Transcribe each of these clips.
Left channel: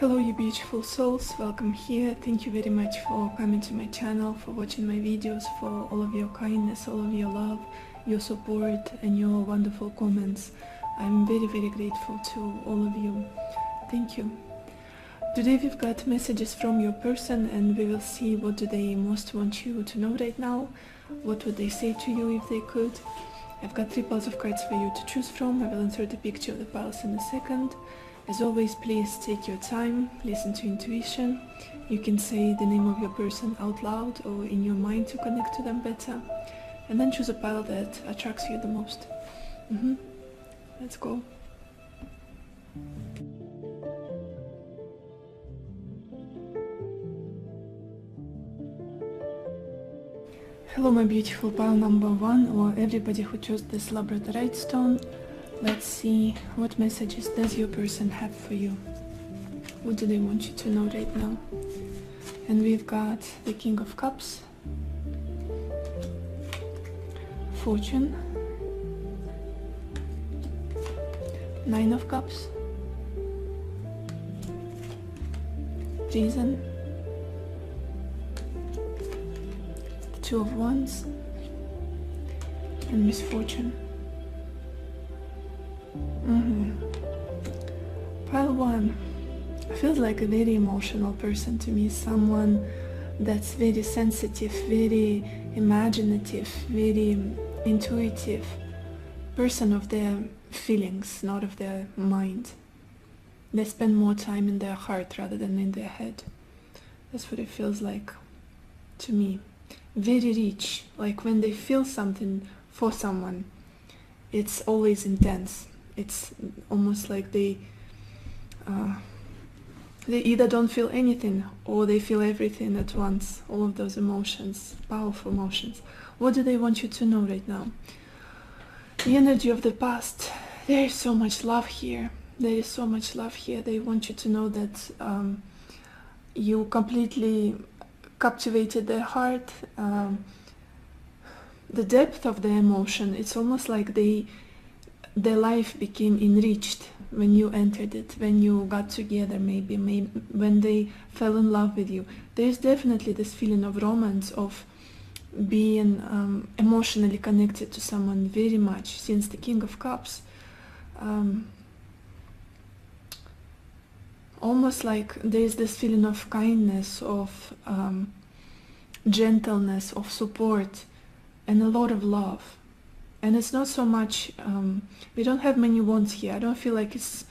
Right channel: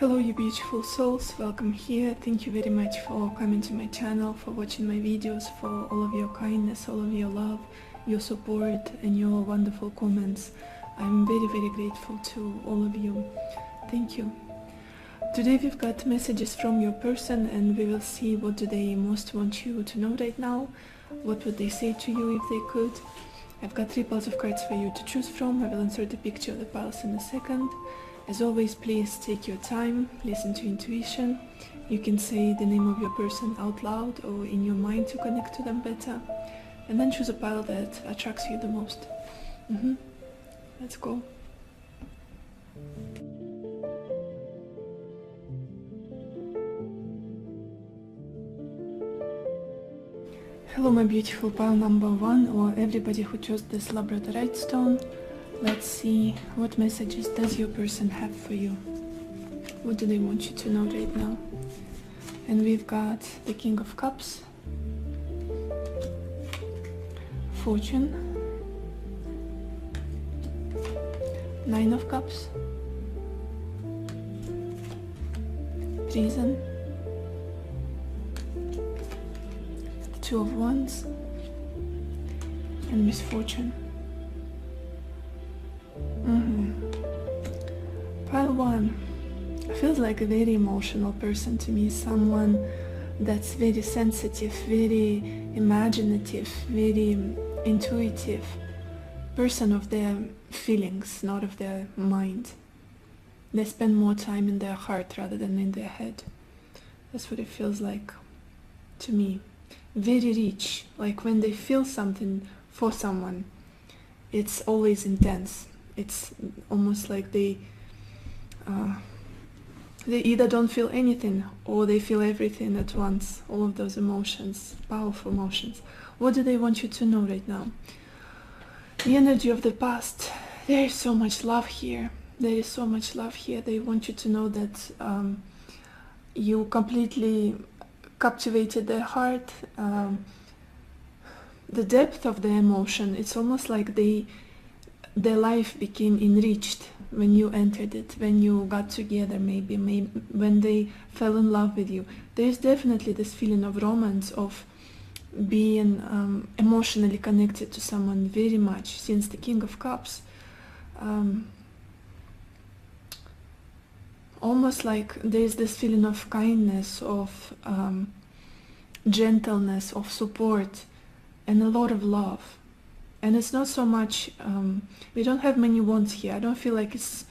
Hello you beautiful souls, welcome here. Thank you very much for coming to my channel, for watching my videos, for all of your kindness, all of your love, your support and your wonderful comments. I'm very grateful to all of you. Thank you. Today we've got messages from your person and we will see what do they most want you to know right now. What would they say to you if they could. I've got 3 piles of cards for you to choose from. I will insert the picture of the piles in a second. As always, please take your time, listen to intuition. You can say the name of your person out loud or in your mind to connect to them better. And then choose a pile that attracts you the most. Let's go. Hello my beautiful pile number 1, or everybody who chose this labradorite stone. Let's see what messages does your person have for you. What do they want you to know right now? And we've got the King of Cups, Fortune, 9 of Cups, Reason, 2 of Wands, and Misfortune. Pile 1 feels like a very emotional person to me, someone that's very sensitive, very imaginative, very intuitive, person of their feelings, not of their mind. They spend more time in their heart rather than in their head. That's what it feels like to me. Very rich, like when they feel something for someone, it's always intense. It's almost like they either don't feel anything or they feel everything at once. All of those emotions, powerful emotions. What do they want you to know right now? The energy of the past. There is so much love here. There is so much love here. They want you to know that you completely captivated their heart. The depth of the emotion. It's almost like their life became enriched when you entered it, when you got together, maybe when they fell in love with you. There's definitely this feeling of romance, of being emotionally connected to someone very much, since the King of Cups. Almost like there's this feeling of kindness, of gentleness, of support, and a lot of love. And it's not so much, we don't have many wands here. I don't feel like it's,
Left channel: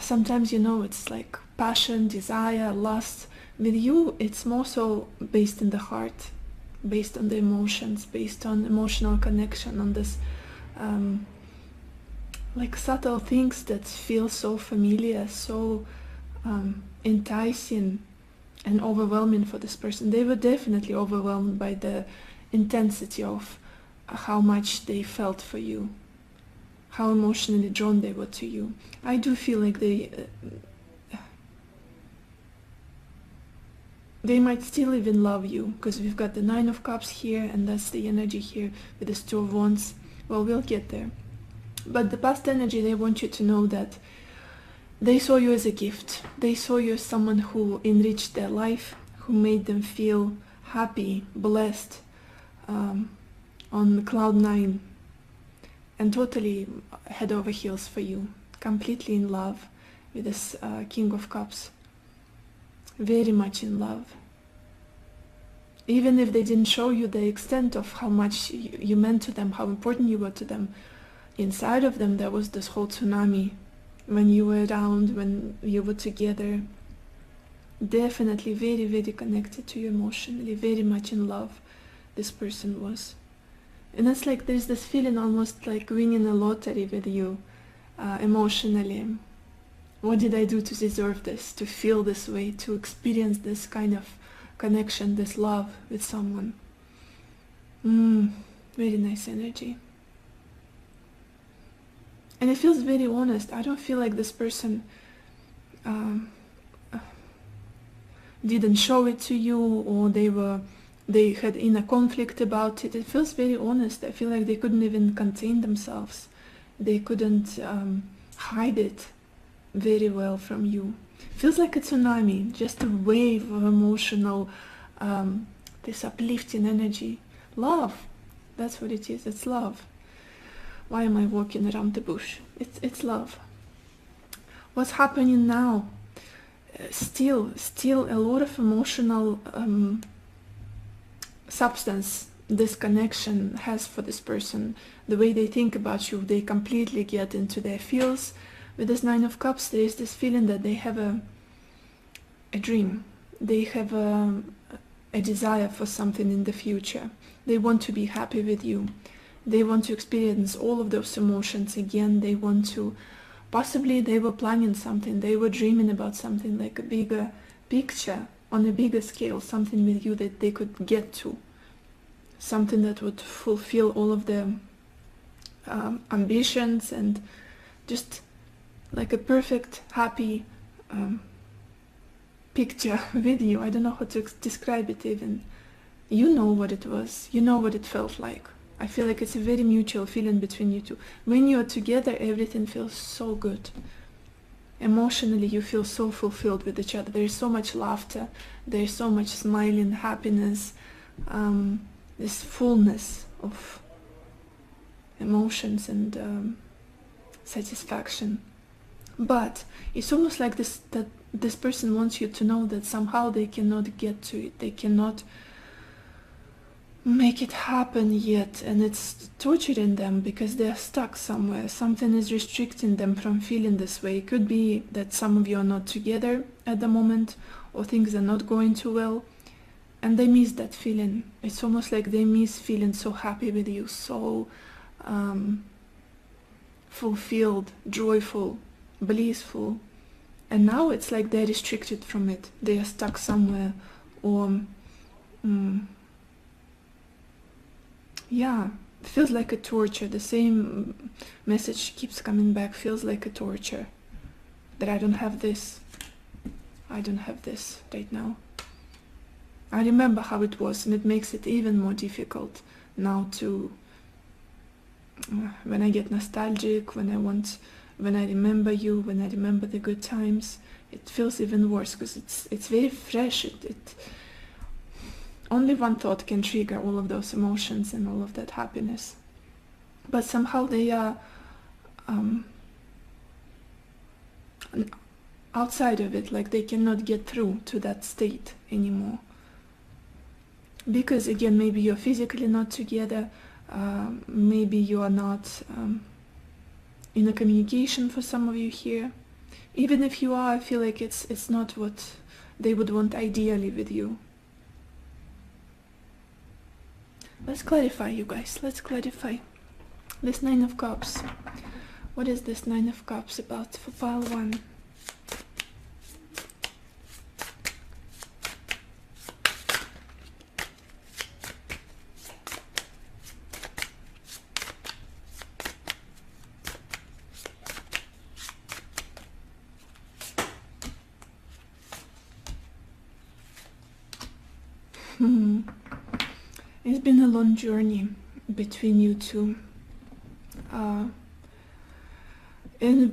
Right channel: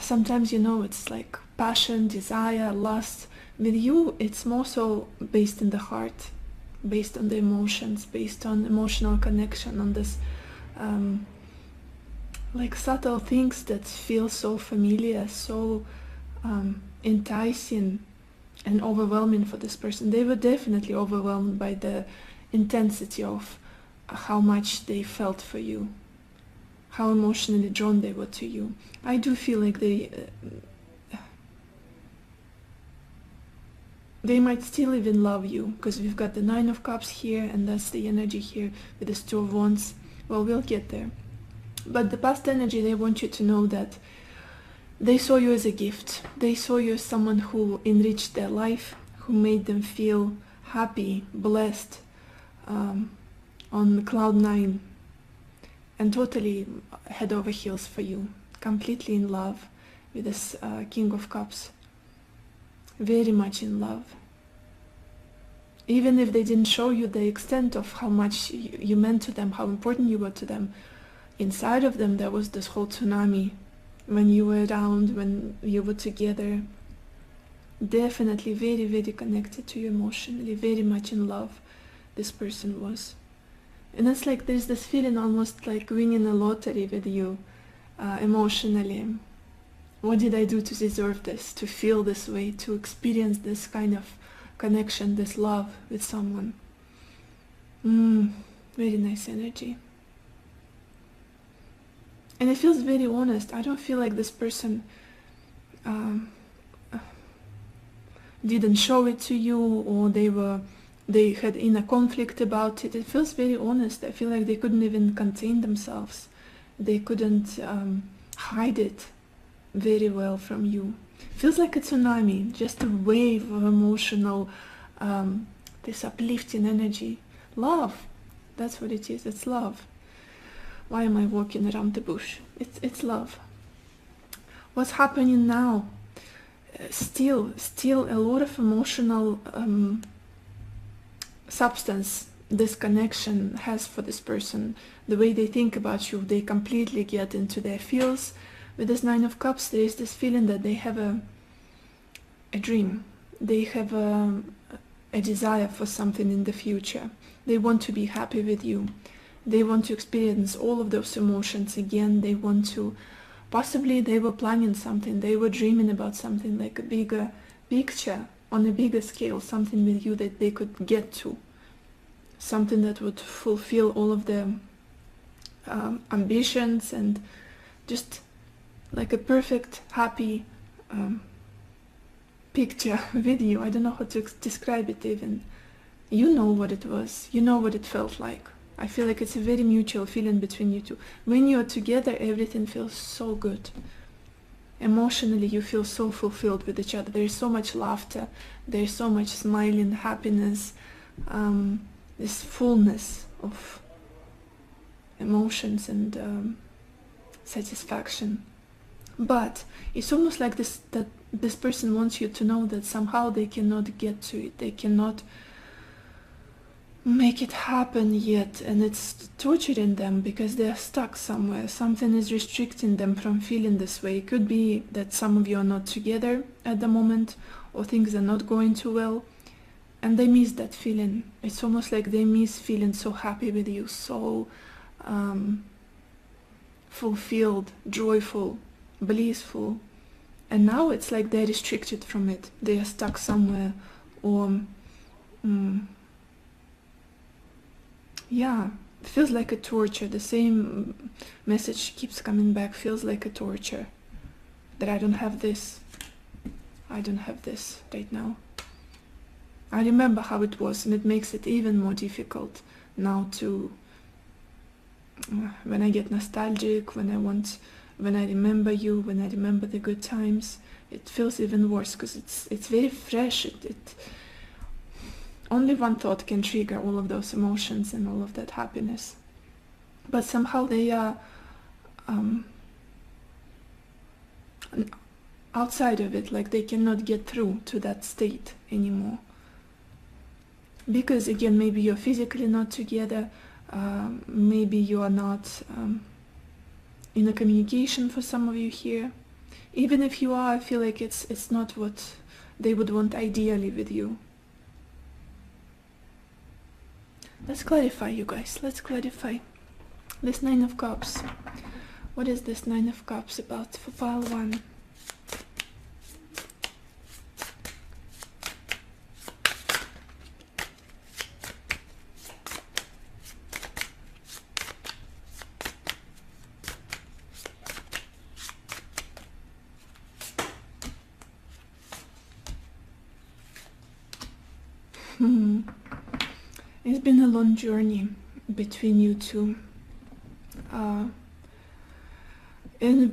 sometimes, you know, it's like passion, desire, lust. With you, it's more so based in the heart, based on the emotions, based on emotional connection, on this, like subtle things that feel so familiar, so enticing and overwhelming for this person. They were definitely overwhelmed by the intensity of how much they felt for you, how emotionally drawn they were to you. I do feel like they might still even love you, because we've got the 9 of Cups here, and that's the energy here with this 2 of Wands. Well, we'll get there. But the past energy, they want you to know that they saw you as a gift. They saw you as someone who enriched their life, who made them feel happy, blessed, on cloud 9, and totally head over heels for you, completely in love with this King of Cups, very much in love. Even if they didn't show you the extent of how much you meant to them, how important you were to them, inside of them there was this whole tsunami when you were around, when you were together. Definitely very connected to you emotionally, very much in love this person was. And it's like there's this feeling almost like winning a lottery with you, emotionally. What did I do to deserve this, to feel this way, to experience this kind of connection, this love with someone? Very nice energy. And it feels very honest. I don't feel like this person didn't show it to you, or they had inner conflict about it. It feels very honest. I feel like they couldn't even contain themselves. They couldn't hide it very well from you. Feels like a tsunami, just a wave of emotional, this uplifting energy. Love, that's what it is, it's love. Why am I walking around the bush? It's love. What's happening now? Still a lot of emotional substance this connection has for this person. The way they think about you, they completely get into their feels. With this Nine of Cups, there is this feeling that they have a dream. They have a desire for something in the future. They want to be happy with you. They want to experience all of those emotions again. They want to, possibly they were planning something. They were dreaming about something like a bigger picture on a bigger scale, something with you that they could get to. Something that would fulfill all of their ambitions, and just like a perfect, happy picture with you. I don't know how to describe it even. You know what it was. You know what it felt like. I feel like it's a very mutual feeling between you two. When you're together, everything feels so good. Emotionally, you feel so fulfilled with each other. There is so much laughter. There is so much smiling, happiness, this fullness of emotions and satisfaction. But it's almost like that this person wants you to know that somehow they cannot get to it. They cannot make it happen yet, and it's torturing them because they're stuck somewhere. Something is restricting them from feeling this way. It could be that some of you are not together at the moment, or things are not going too well, and they miss that feeling. It's almost like they miss feeling so happy with you, so fulfilled, joyful, blissful. And now it's like they're restricted from it. They are stuck somewhere, or yeah, it feels like a torture. The same message keeps coming back. Feels like a torture. That I don't have this. I don't have this right now. I remember how it was, and it makes it even more difficult now to, when I get nostalgic, when I remember you, when I remember the good times, it feels even worse because it's very fresh. Only one thought can trigger all of those emotions and all of that happiness. But somehow they are outside of it, like they cannot get through to that state anymore. Because again, maybe you're physically not together, maybe you are not in a communication for some of you here. Even if you are, I feel like it's not what they would want ideally with you. Let's clarify, you guys. Let's clarify. This Nine of Cups. What is this Nine of Cups about for Power 1? It's been a long journey between you two. And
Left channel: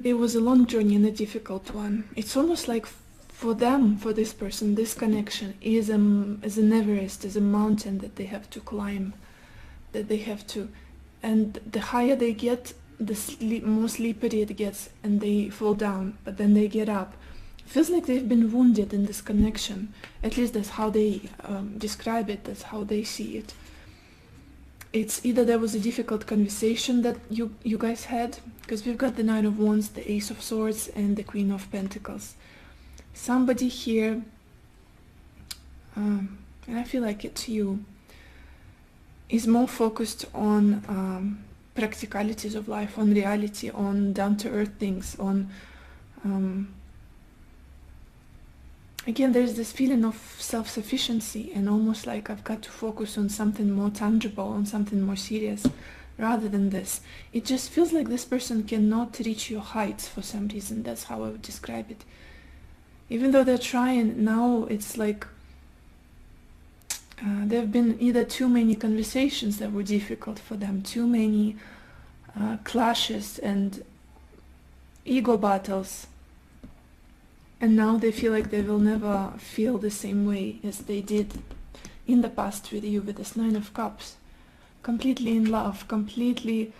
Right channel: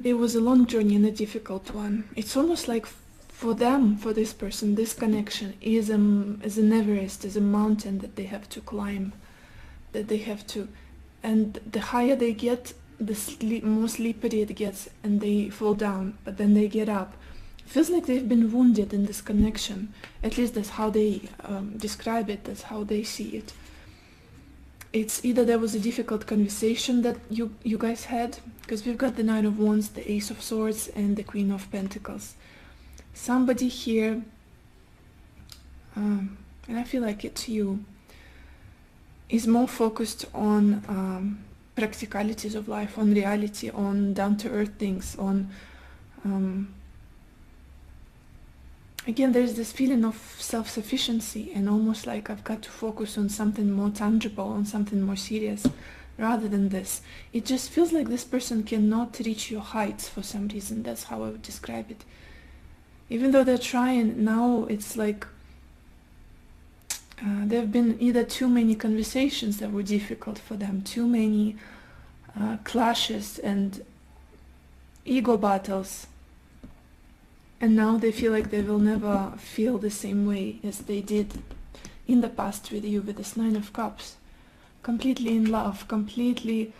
it was a long journey and a difficult one. It's almost like for them, for this person, this connection is an Everest, is a mountain that they have to climb, and the higher they get, the more slippery it gets, and they fall down, but then they get up. Feels like they've been wounded in this connection. At least that's how they describe it, that's how they see it. It's either there was a difficult conversation that you guys had, because we've got the Knight of Wands, the Ace of Swords, and the Queen of Pentacles. Somebody here, and I feel like it's you, is more focused on practicalities of life, on reality, on down-to-earth things, on again, there's this feeling of self-sufficiency, and almost like I've got to focus on something more tangible, on something more serious, rather than this. It just feels like this person cannot reach your heights for some reason. That's how I would describe it. Even though they're trying, now it's like there have been either too many conversations that were difficult for them, too many clashes and ego battles. And now they feel like they will never feel the same way as they did in the past with you, with this Nine of Cups. Completely in love, completely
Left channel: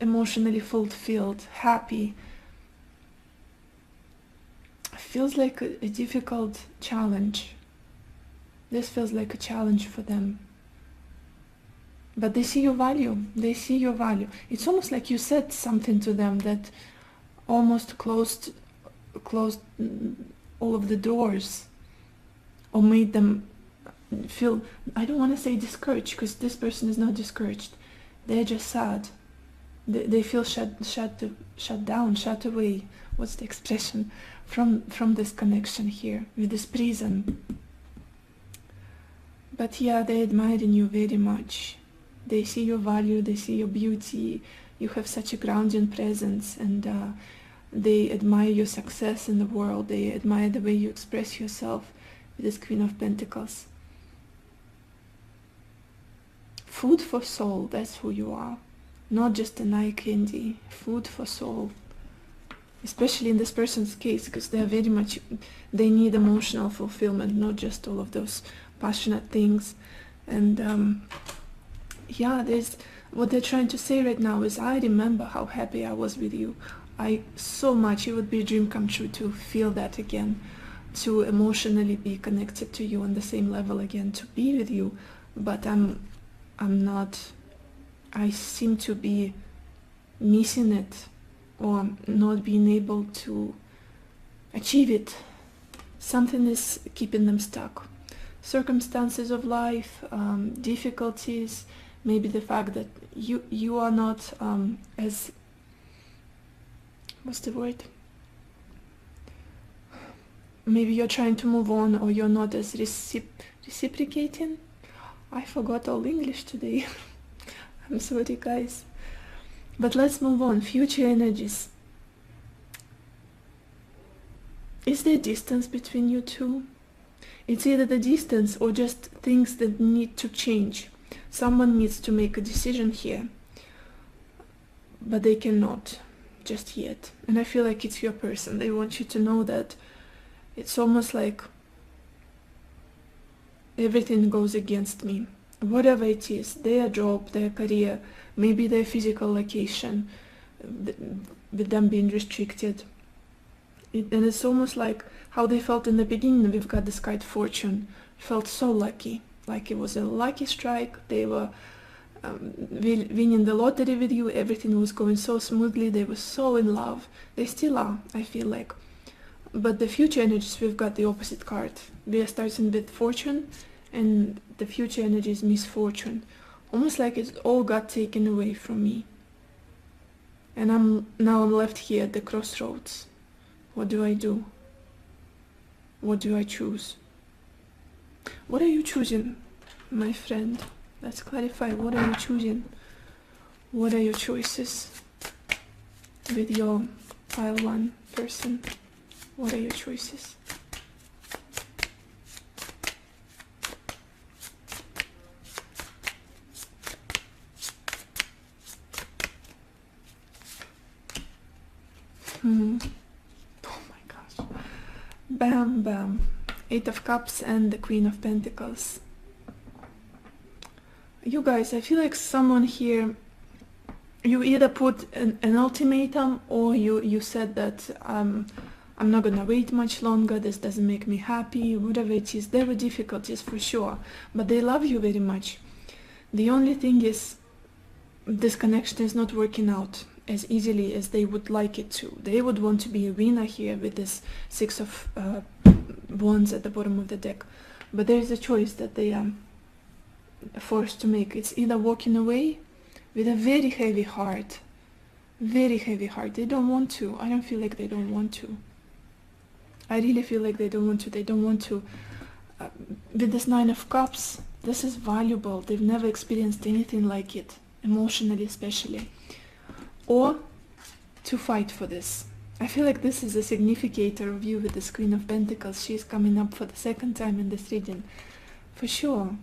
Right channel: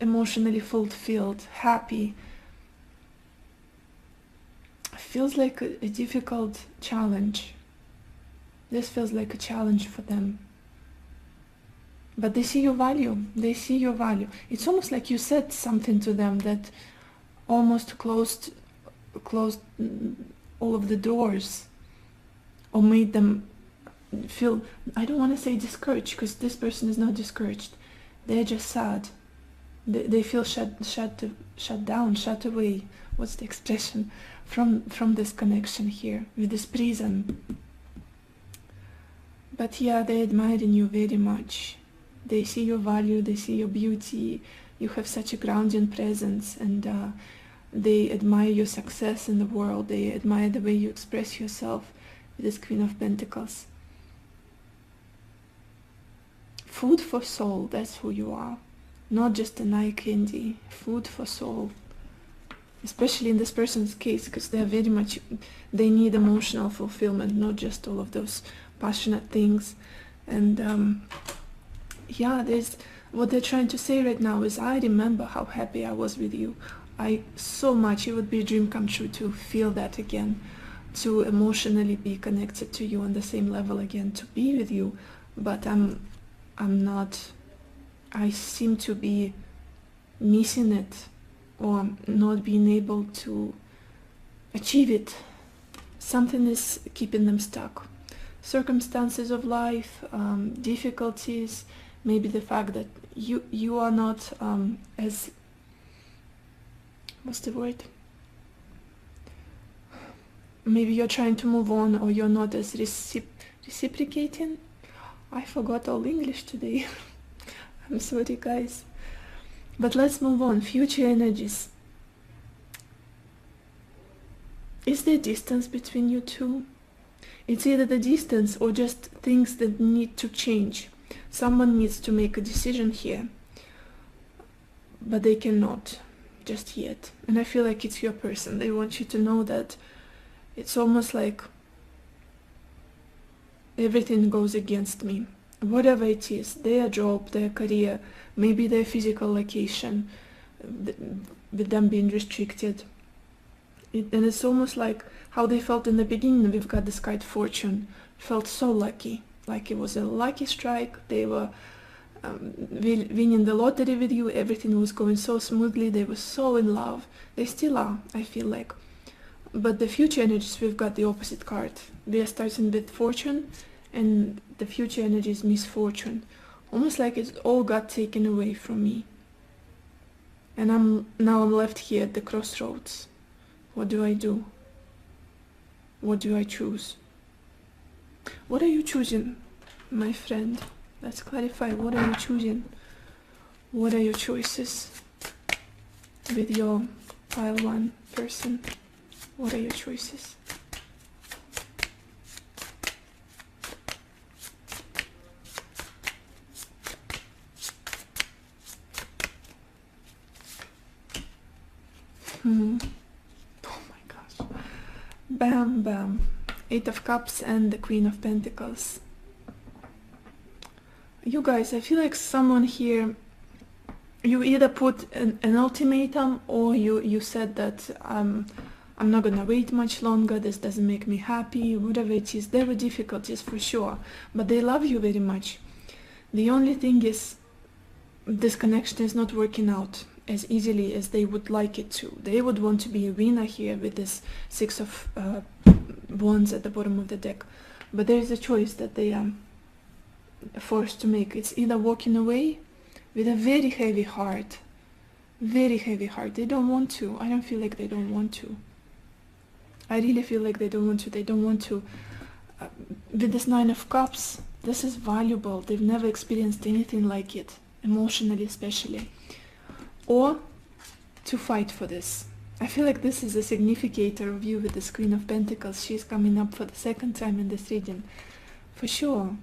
emotionally fulfilled, happy. Feels like a difficult challenge. This feels like a challenge for them. But they see your value. They see your value. It's almost like you said something to them that almost closed all of the doors, or made them feel, I don't want to say discouraged, because this person is not discouraged. They're just sad. They feel shut down, shut away. What's the expression? From this connection here with this prison. But yeah, they admire you very much. They see your value, they see your beauty. You have such a grounding presence, and they admire your success in the world. They admire the way you express yourself with this Queen of Pentacles. Food for soul, that's who you are. Not just an eye candy, food for soul. Especially in this person's case, because they're very much, they need emotional fulfillment, not just all of those passionate things. And yeah, there's, what they're trying to say right now is, I remember how happy I was with you. So much, it would be a dream come true to feel that again, to emotionally be connected to you on the same level again, to be with you. But I'm not, I seem to be missing it, or not being able to achieve it. Something is keeping them stuck. Circumstances of life, difficulties, maybe the fact that you are not as, what's the word? Maybe you're trying to move on, or you're not as reciprocating. I forgot all English today. I'm sorry, guys. But let's move on. Future energies. Is there distance between you two? It's either the distance or just things that need to change. Someone needs to make a decision here, but they cannot just yet. And I feel like it's your person. They want you to know that it's almost like everything goes against me. Whatever it is, their job, their career, maybe their physical location, with them being restricted. And it's almost like how they felt in the beginning. We've got this card Fortune. Felt so lucky, like it was a lucky strike. They were winning the lottery with you. Everything was going so smoothly. They were so in love. They still are, I feel like. But the future energies, we've got the opposite card. We are starting with Fortune, and the future energy is misfortune. Almost like it all got taken away from me. And now I'm left here at the crossroads. What do I do? What do I choose? What are you choosing, my friend? Let's clarify. What are you choosing? What are your choices with your pile 1 person? What are your choices? Oh my gosh. Bam, bam. 8 of Cups and the Queen of Pentacles. You guys, I feel like someone here, you either put an ultimatum, or you said that I'm not gonna wait much longer, this doesn't make me happy, whatever it is. There were difficulties for sure, but they love you very much. The only thing is, this connection is not working out as easily as they would like it to. They would want to be a winner here with this 6 of Wands at the bottom of the deck. But there is a choice that they are forced to make. It's either walking away with a very heavy heart. Very heavy heart. They don't want to. I don't feel like they don't want to. I really feel like they don't want to. They don't want to. With this 9 of Cups, this is valuable. They've never experienced anything like it. Emotionally especially. Or to fight for this. I feel like this is a significator of you with the Queen of Pentacles. She's coming up for the 2nd time in this reading. For sure.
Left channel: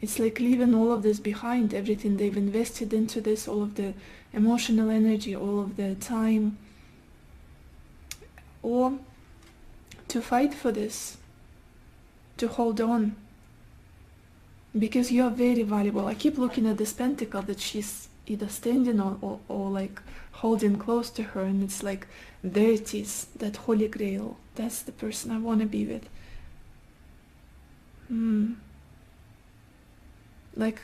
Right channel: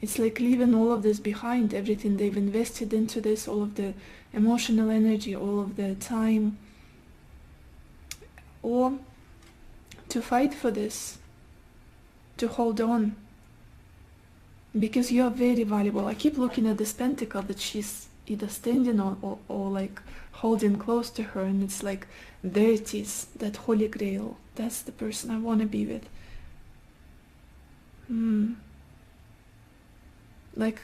It's like leaving all of this behind, everything they've invested into this, all of the emotional energy, all of the time. or to fight for this, to hold on, because you are very valuable. I keep looking at this pentacle that she's either standing or like holding close to her, and it's like, there it is, that holy grail. That's the person I want to be with. Like,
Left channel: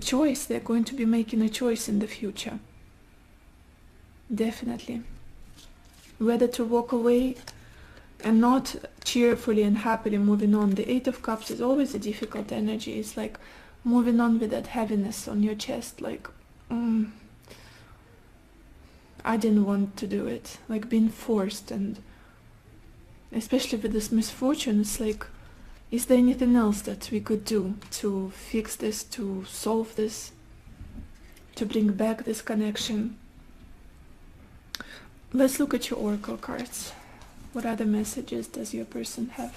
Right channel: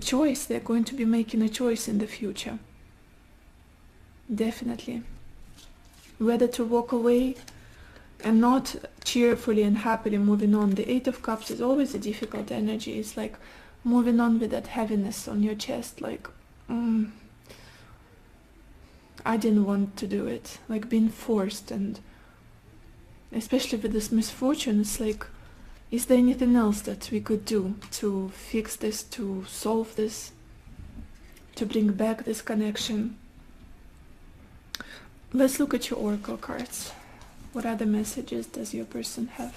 choice, they're going to be making a choice in the future. Definitely. Whether to walk away and not cheerfully and happily moving on. The Eight of Cups is always a difficult energy. It's like moving on with that heaviness on your chest, like, I didn't want to do it. Like being forced, and especially with this misfortune, it's like, is there anything else that we could do to fix this, to solve this, to bring back this connection? Let's look at your oracle cards. What other messages does your person have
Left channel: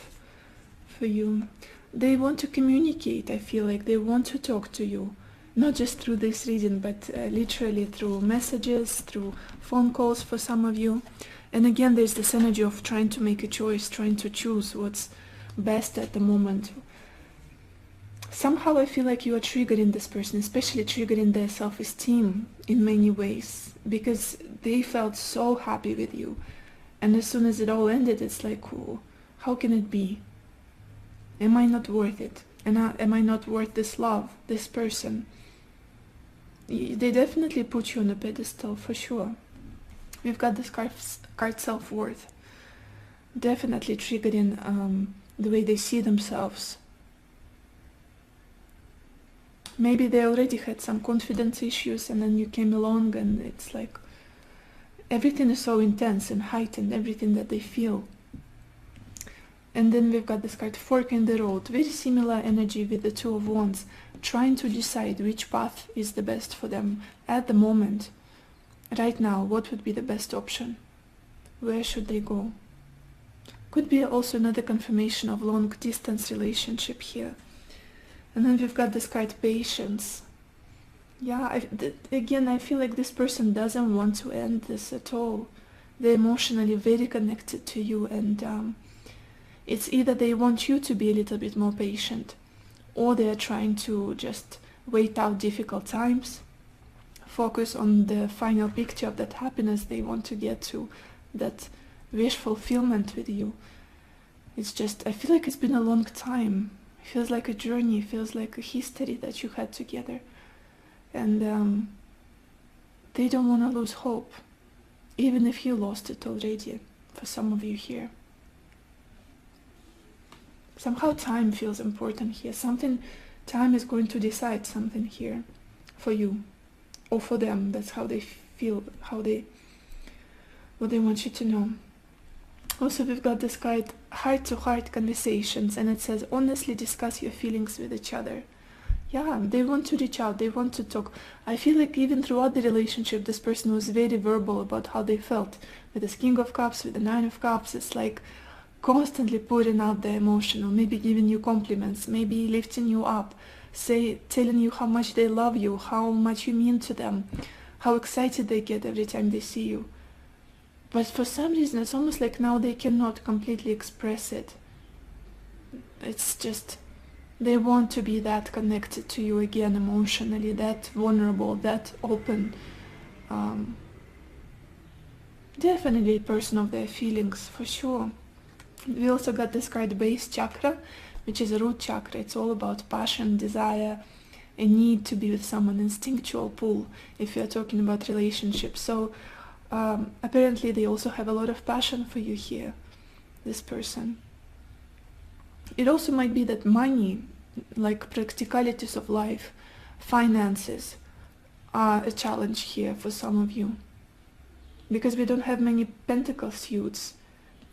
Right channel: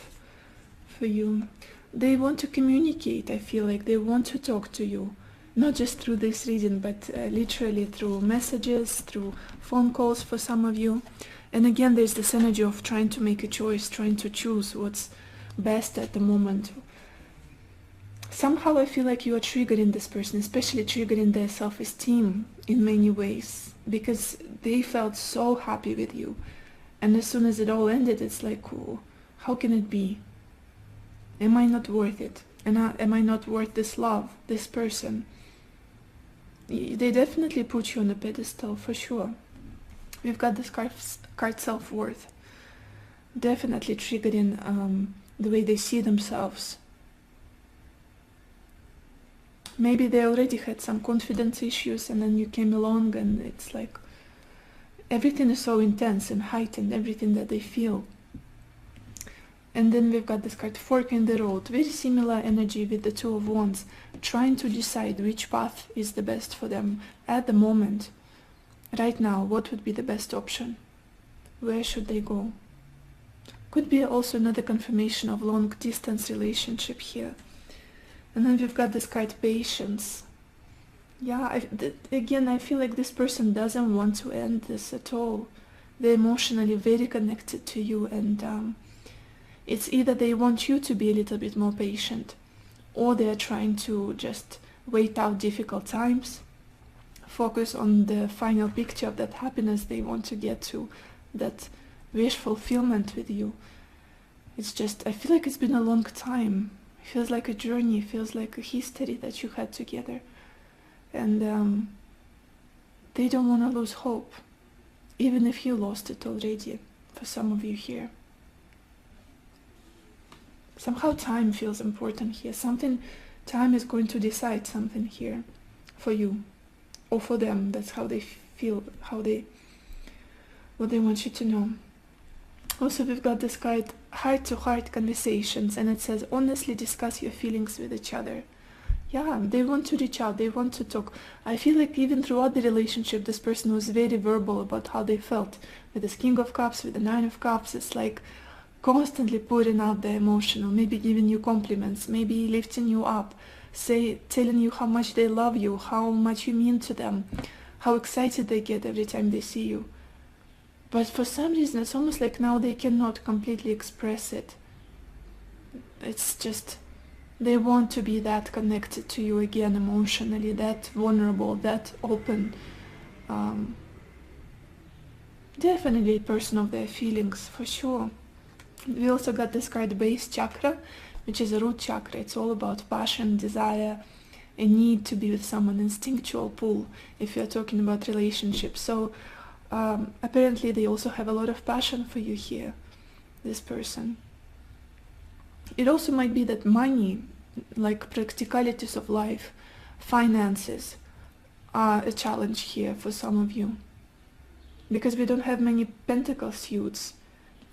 for you? They want to communicate, I feel like. They want to talk to you. Not just through this reading, but literally through messages, through phone calls for some of you. And again, there's this energy of trying to make a choice, trying to choose what's best at the moment. Somehow I feel like you are triggering this person, especially triggering their self-esteem in many ways, because they felt so happy with you. And as soon as it all ended, it's like, oh, how can it be? Am I not worth it? And am I not worth this love, this person? They definitely put you on a pedestal, for sure. We've got this card self-worth. Definitely triggering the way they see themselves. Maybe they already had some confidence issues, and then you came along and it's like everything is so intense and heightened, everything that they feel. And then we've got this card, Fork in the Road. Very similar energy with the Two of Wands, trying to decide which path is the best for them at the moment. Right now, what would be the best option? Where should they go? Could be also another confirmation of long distance relationship here. And then we've got this card, Patience. Yeah, again, I feel like this person doesn't want to end this at all. They're emotionally very connected to you, and it's either they want you to be a little bit more patient, or they're trying to just wait out difficult times, focus on the final picture of that happiness they want to get to, that wish fulfillment with you. It's just, I feel like it's been a long time. It feels like a journey, it feels like a history that you had together. And they don't want to lose hope, even if you lost it already, for some of you here. Somehow time feels important here. Time is going to decide something here for you or for them. That's how they feel, what they want you to know. Also, we've got this card, heart-to-heart conversations, and it says, honestly discuss your feelings with each other. Yeah, they want to reach out, they want to talk. I feel like even throughout the relationship, this person was very verbal about how they felt. With this King of Cups, with the Nine of Cups, it's like constantly pouring out their emotion, or maybe giving you compliments, maybe lifting you up, telling you how much they love you, how much you mean to them, how excited they get every time they see you. But for some reason, it's almost like now they cannot completely express it. It's just, they want to be that connected to you again emotionally, that vulnerable, that open. Definitely a person of their feelings, for sure. We also got this card, Base Chakra, which is a root chakra. It's all about passion, desire, a need to be with someone, instinctual pull, if you're talking about relationships. So apparently they also have a lot of passion for you here, this person. It also might be that money, like practicalities of life, finances, are a challenge here for some of you. Because we don't have many pentacle suits,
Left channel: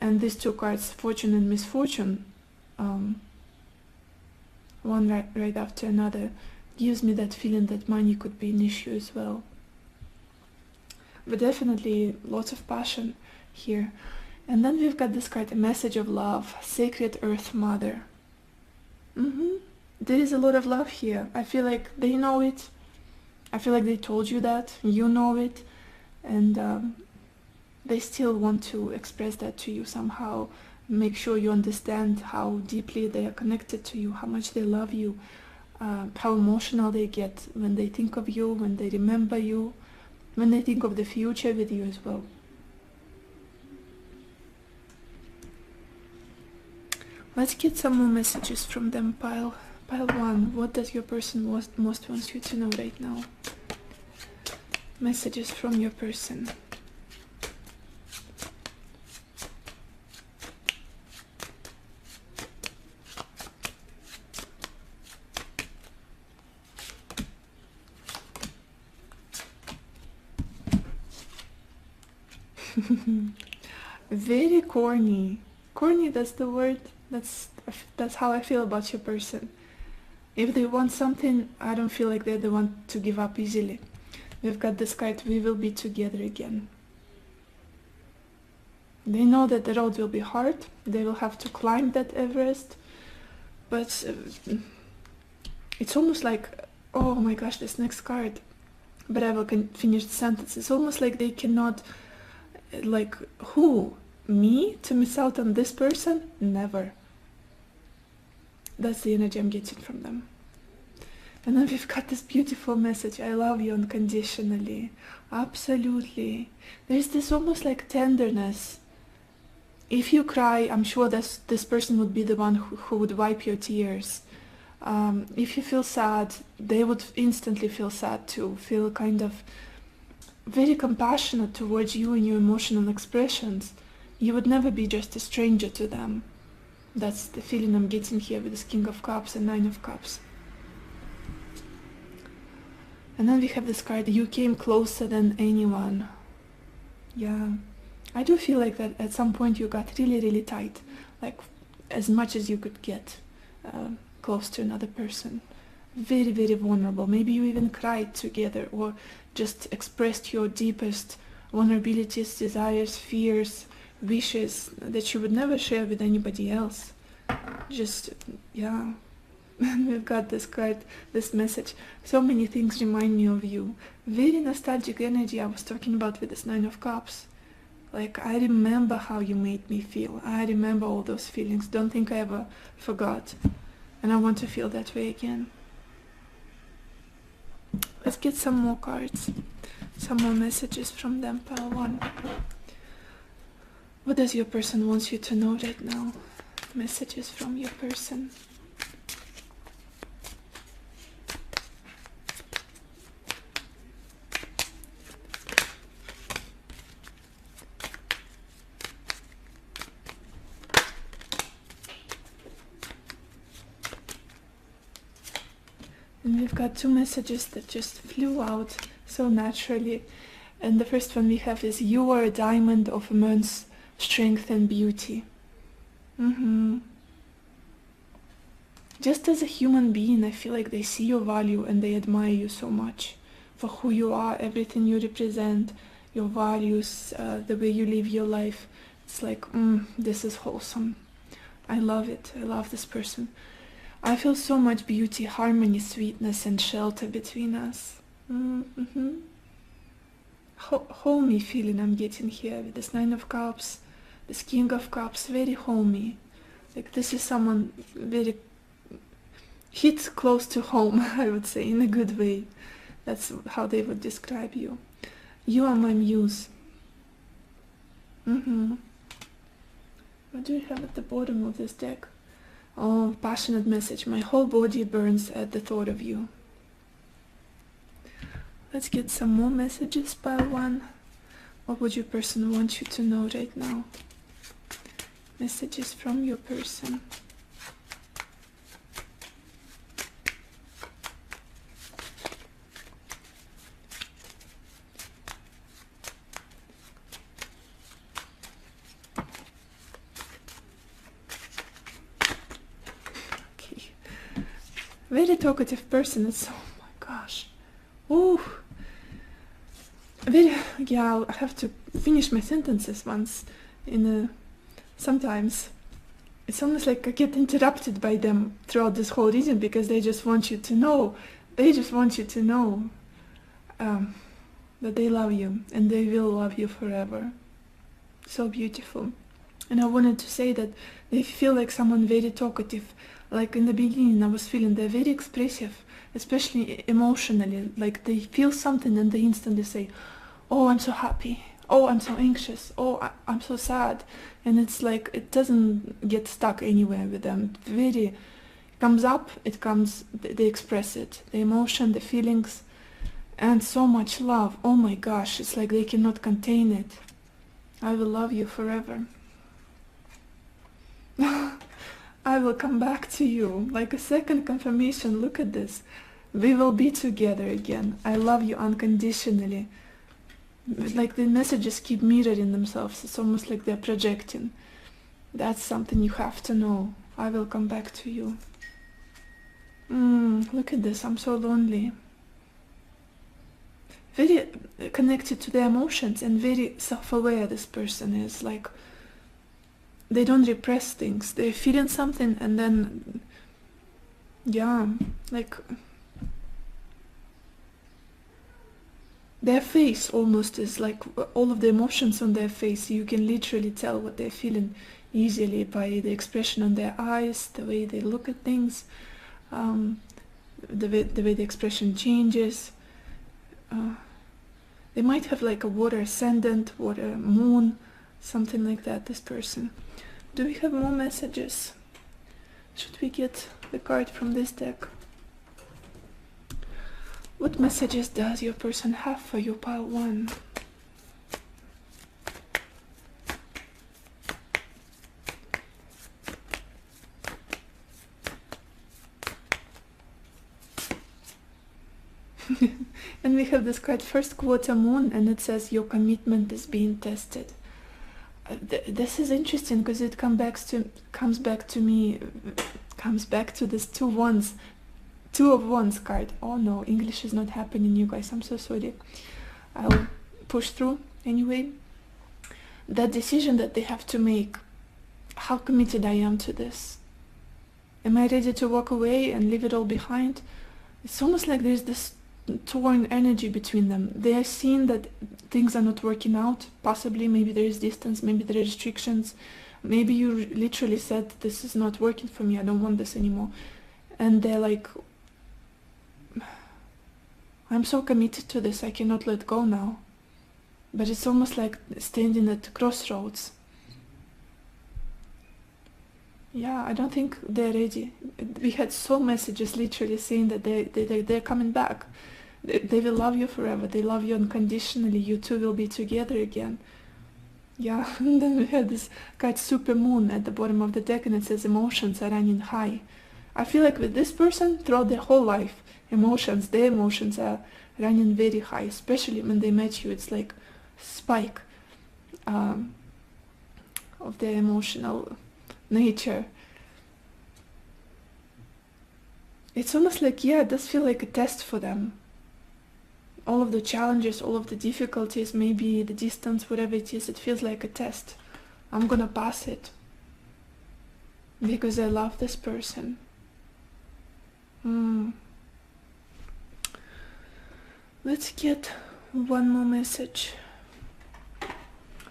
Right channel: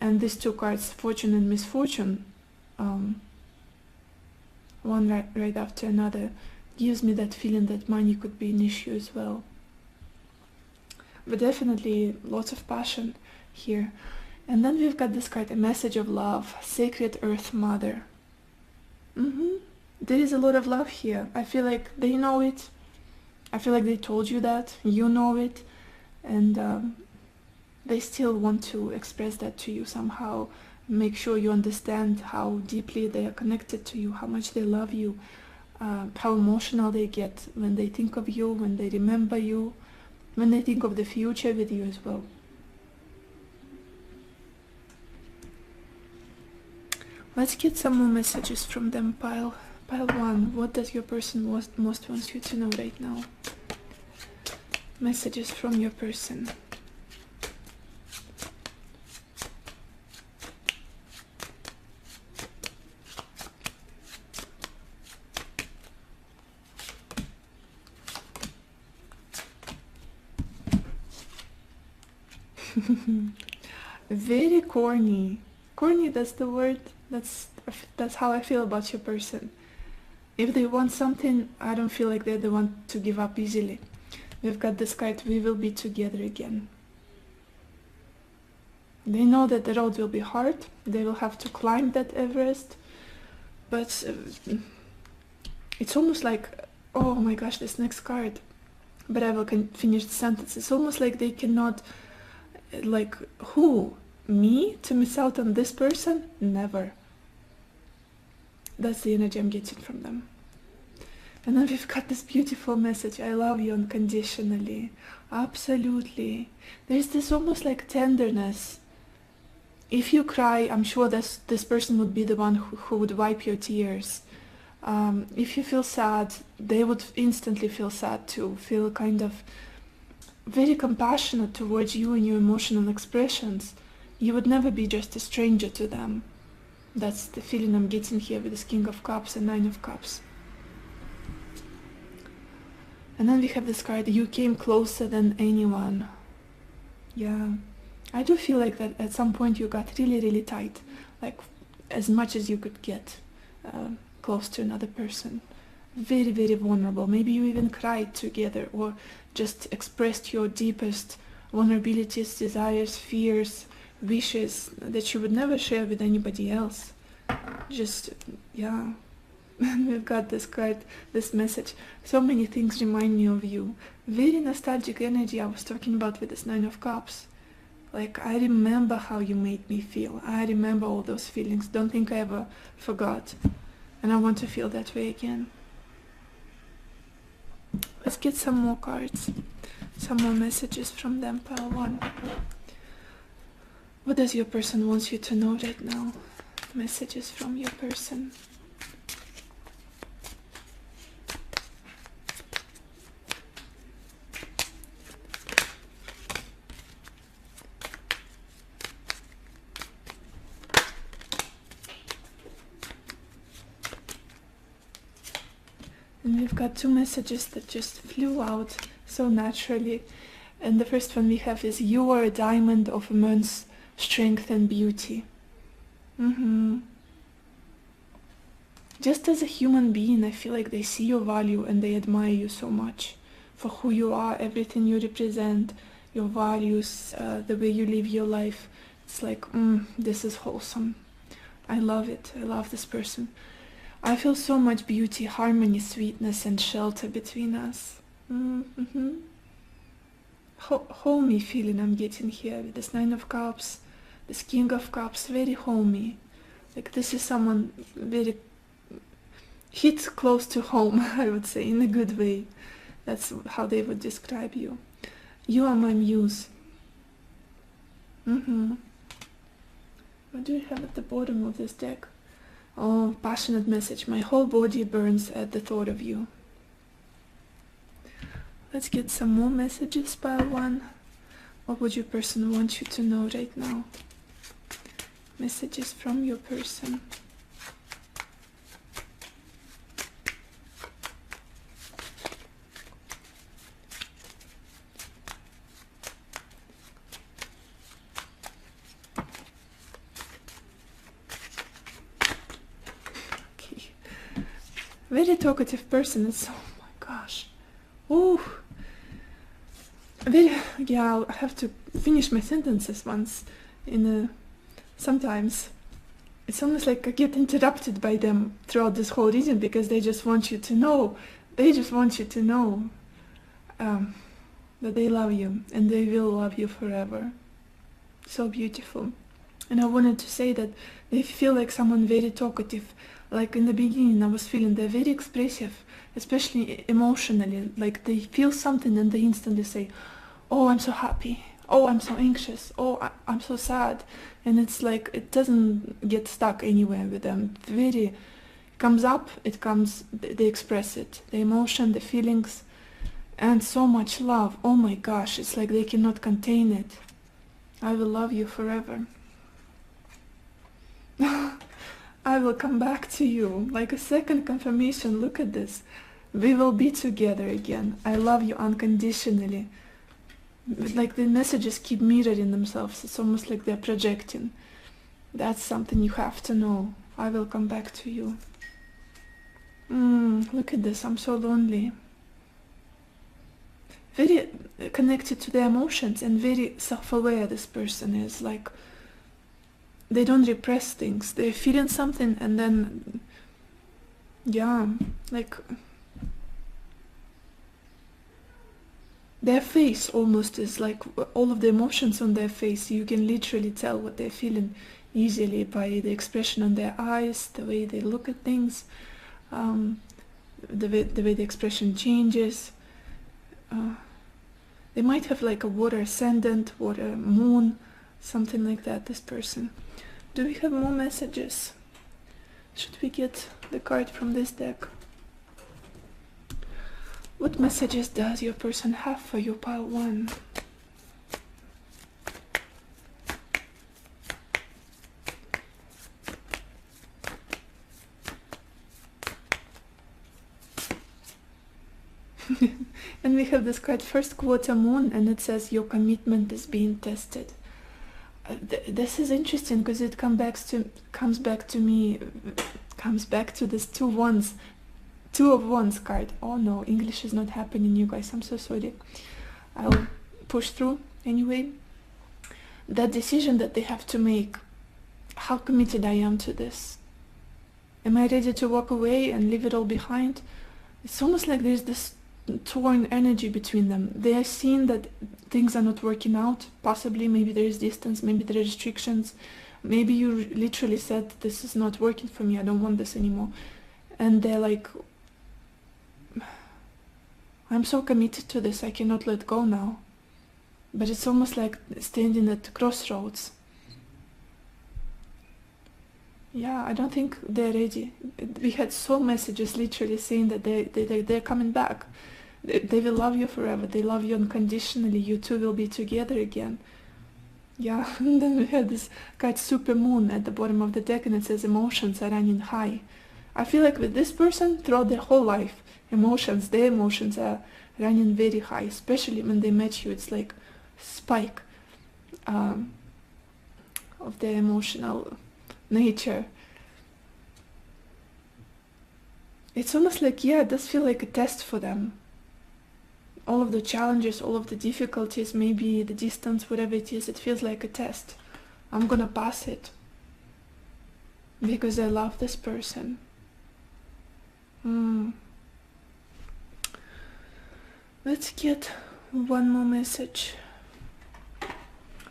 and these two cards, Fortune and Misfortune, one right after another, gives me that feeling that money could be an issue as well. But definitely lots of passion here. And then we've got this card, a message of love, Sacred Earth Mother. There is a lot of love here. I feel like they know it. I feel like they told you that. You know it. And they still want to express that to you somehow, make sure you understand how deeply they are connected to you, how much they love you, how emotional they get when they think of you, when they remember you, when they think of the future with you as well. Let's get some more messages from them. Pile 1. What does your person most wants you to know right now? Messages from your person. Very corny. Corny, that's the word. That's how I feel about your person. If they want something, I don't feel like they're the one to give up easily. We've got this card, we will be together again. They know that the road will be hard, they will have to climb that Everest, but it's almost like, oh my gosh, this next card, but I will finish the sentence. It's almost like they cannot, like, who? Me? To miss out on this person? Never. That's the energy I'm getting from them. And then we've got this beautiful message, I love you unconditionally. Absolutely. There's this almost like tenderness. If you cry, I'm sure this person would be the one who would wipe your tears. If you feel sad, they would instantly feel sad too, feel kind of very compassionate towards you and your emotional expressions. You would never be just a stranger to them. That's the feeling I'm getting here with this King of Cups and Nine of Cups. And then we have this card, you came closer than anyone. Yeah, I do feel like that at some point you got really, really tight. Like, as much as you could get close to another person. Very, very vulnerable. Maybe you even cried together or just expressed your deepest vulnerabilities, desires, fears, wishes that you would never share with anybody else. Just, yeah. We've got this card, this message. So many things remind me of you. Very nostalgic energy I was talking about with this Nine of Cups. Like, I remember how you made me feel. I remember all those feelings. Don't think I ever forgot. And I want to feel that way again. Let's get some more cards. Some more messages from them. Pile 1. What does your person want you to know right now? Messages from your person. And we've got 2 messages that just flew out so naturally. And the first one we have is, you are a diamond of immense strength and beauty. Just as a human being, I feel like they see your value and they admire you so much for who you are, everything you represent, your values, the way you live your life. It's like, this is wholesome. I love it. I love this person. I feel so much beauty, harmony, sweetness, and shelter between us. Homey feeling I'm getting here with this Nine of Cups, this King of Cups, very homey. Like, this is someone very hits close to home, I would say, in a good way. That's how they would describe you. You are my muse. What do we have at the bottom of this deck? Oh, passionate message. My whole body burns at the thought of you. Let's get some more messages, Pile 1. What would your person want you to know right now? Messages from your person. Very talkative person, so, oh my gosh. Ooh. Yeah, I have to finish my sentences once. Sometimes it's almost like I get interrupted by them throughout this whole reading because they just want you to know. They just want you to know that they love you and they will love you forever. So beautiful. And I wanted to say that if you feel like someone very talkative, like in the beginning I was feeling they're very expressive, especially emotionally, like they feel something and they instantly say, oh, I'm so happy, oh, I'm so anxious, oh, I'm so sad. And it's like, it doesn't get stuck anywhere with them. It very comes up, it comes, they express it, the emotion, the feelings, and so much love. Oh my gosh, it's like they cannot contain it. I will love you forever. I will come back to you. Like a second confirmation, look at this. We will be together again. I love you unconditionally. Like the messages keep mirroring themselves. It's almost like they're projecting. That's something you have to know. I will come back to you. Look at this. I'm so lonely. Very connected to their emotions and very self-aware this person is. Like, they don't repress things. They're feeling something and then, yeah, like their face almost is like all of the emotions on their face. You can literally tell what they're feeling easily by the expression on their eyes, the way they look at things, the way the expression changes. They might have like a water ascendant, water moon, something like that, this person. Do we have more messages? Should we get the card from this deck? What messages does your person have for you, pile 1? And we have this card, first quarter moon, and it says your commitment is being tested. This is interesting because it comes back to this two of wands card. Oh no, English is not happening, you guys. I'm so sorry. I'll push through anyway. That decision that they have to make. How committed I am to this. Am I ready to walk away and leave it all behind? It's almost like there's this torn energy between them. They are seeing that things are not working out. Possibly, maybe there is distance, maybe there are restrictions. Maybe you literally said, this is not working for me, I don't want this anymore. And they're like, I'm so committed to this, I cannot let go now. But it's almost like standing at crossroads. Yeah, I don't think they're ready. We had so messages literally saying that they're coming back. They will love you forever. They love you unconditionally. You two will be together again. Yeah, and then we had this card super moon at the bottom of the deck, and it says emotions are running high. I feel like with this person, throughout their whole life, their emotions are running very high, especially when they met you. It's like spike of their emotional nature. It's almost like, yeah, it does feel like a test for them. All of the challenges, all of the difficulties, maybe the distance, whatever it is, it feels like a test. I'm gonna pass it because I love this person. Let's get one more message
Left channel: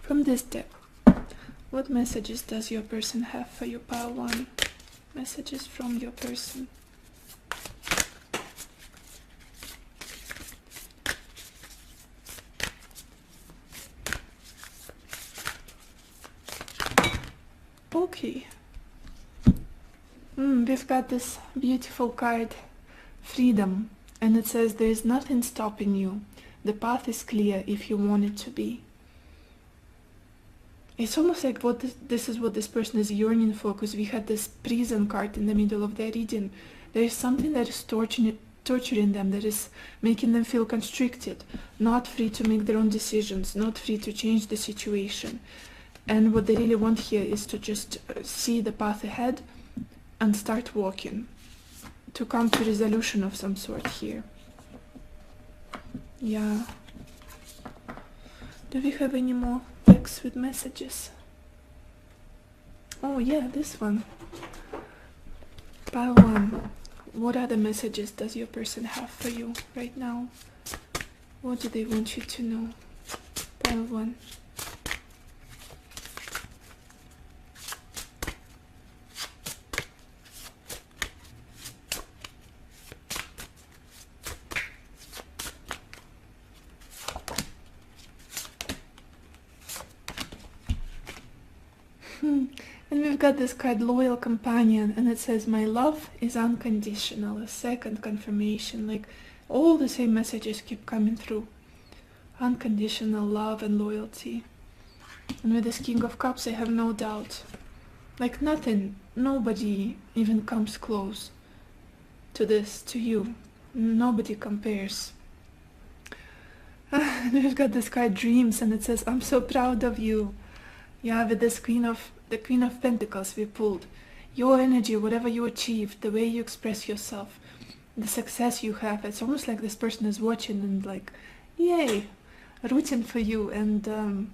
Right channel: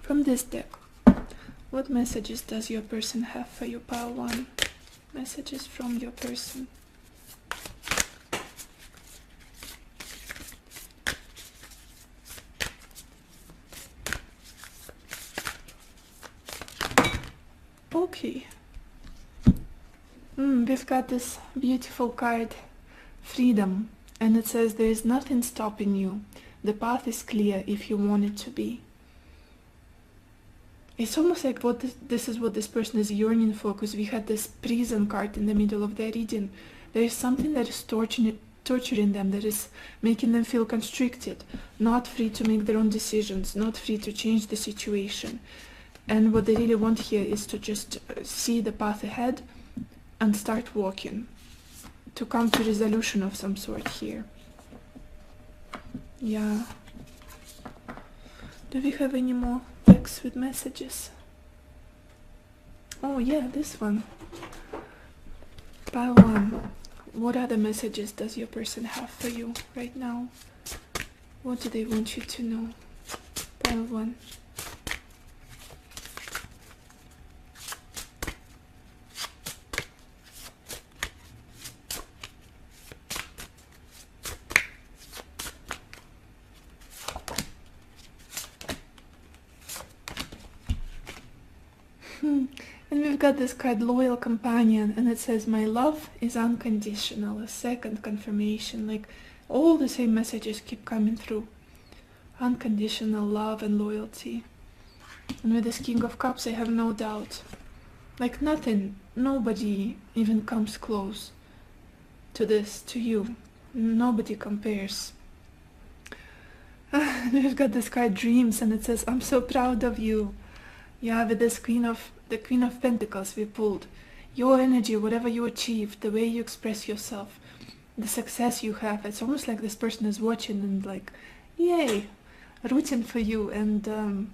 from this deck. What messages does your person have for you, pile 1? Messages from your person. Okay. We've got this beautiful card, freedom, and it says there is nothing stopping you. The path is clear if you want it to be. It's almost like this is what this person is yearning for, because we had this prison card in the middle of their reading. There is something that is torturing them, that is making them feel constricted, not free to make their own decisions, not free to change the situation. And what they really want here is to just see the path ahead and start walking, to come to resolution of some sort here. Yeah. Do we have any more decks with messages? Oh yeah, this one. Pile 1. What other messages does your person have for you right now? What do they want you to know? Pile 1. we've got this card, Loyal Companion, and it says, my love is unconditional, a second confirmation. Like, all the same messages keep coming through. Unconditional love and loyalty. And with this King of Cups, I have no doubt. Like, nothing, nobody even comes close to this, to you. Nobody compares. We've got this card, Dreams, and it says, I'm so proud of you. Yeah, with this the Queen of Pentacles we pulled. Your energy, whatever you achieve, the way you express yourself, the success you have, it's almost like this person is watching and like, yay, rooting for you and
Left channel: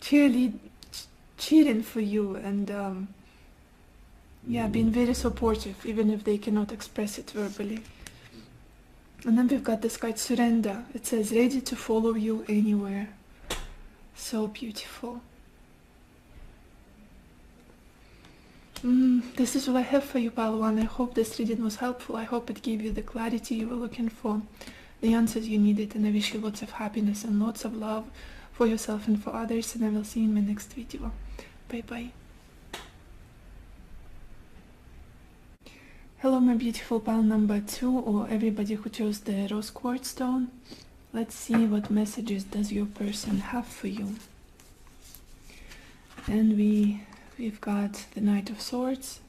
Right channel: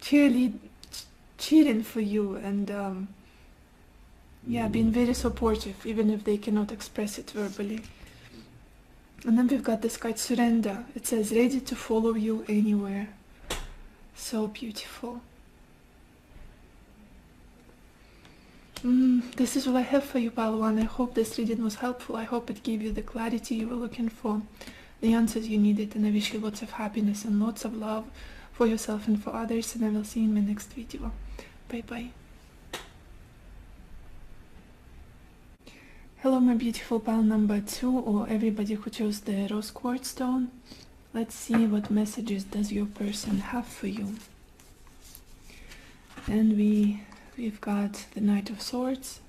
cheering for you and yeah, being very supportive, even if they cannot express it verbally. And then we've got this card, Surrender. It says, ready to follow you anywhere. So beautiful. This is what I have for you, Pile 1. I hope this reading was helpful. I hope it gave you the clarity you were looking for, the answers you needed, and I wish you lots of happiness and lots of love for yourself and for others, and I will see you in my next video. Bye bye. Hello, my beautiful pile number 2, or everybody who chose the rose quartz stone. Let's see what messages does your person have for you. And we've got the Knight of Swords,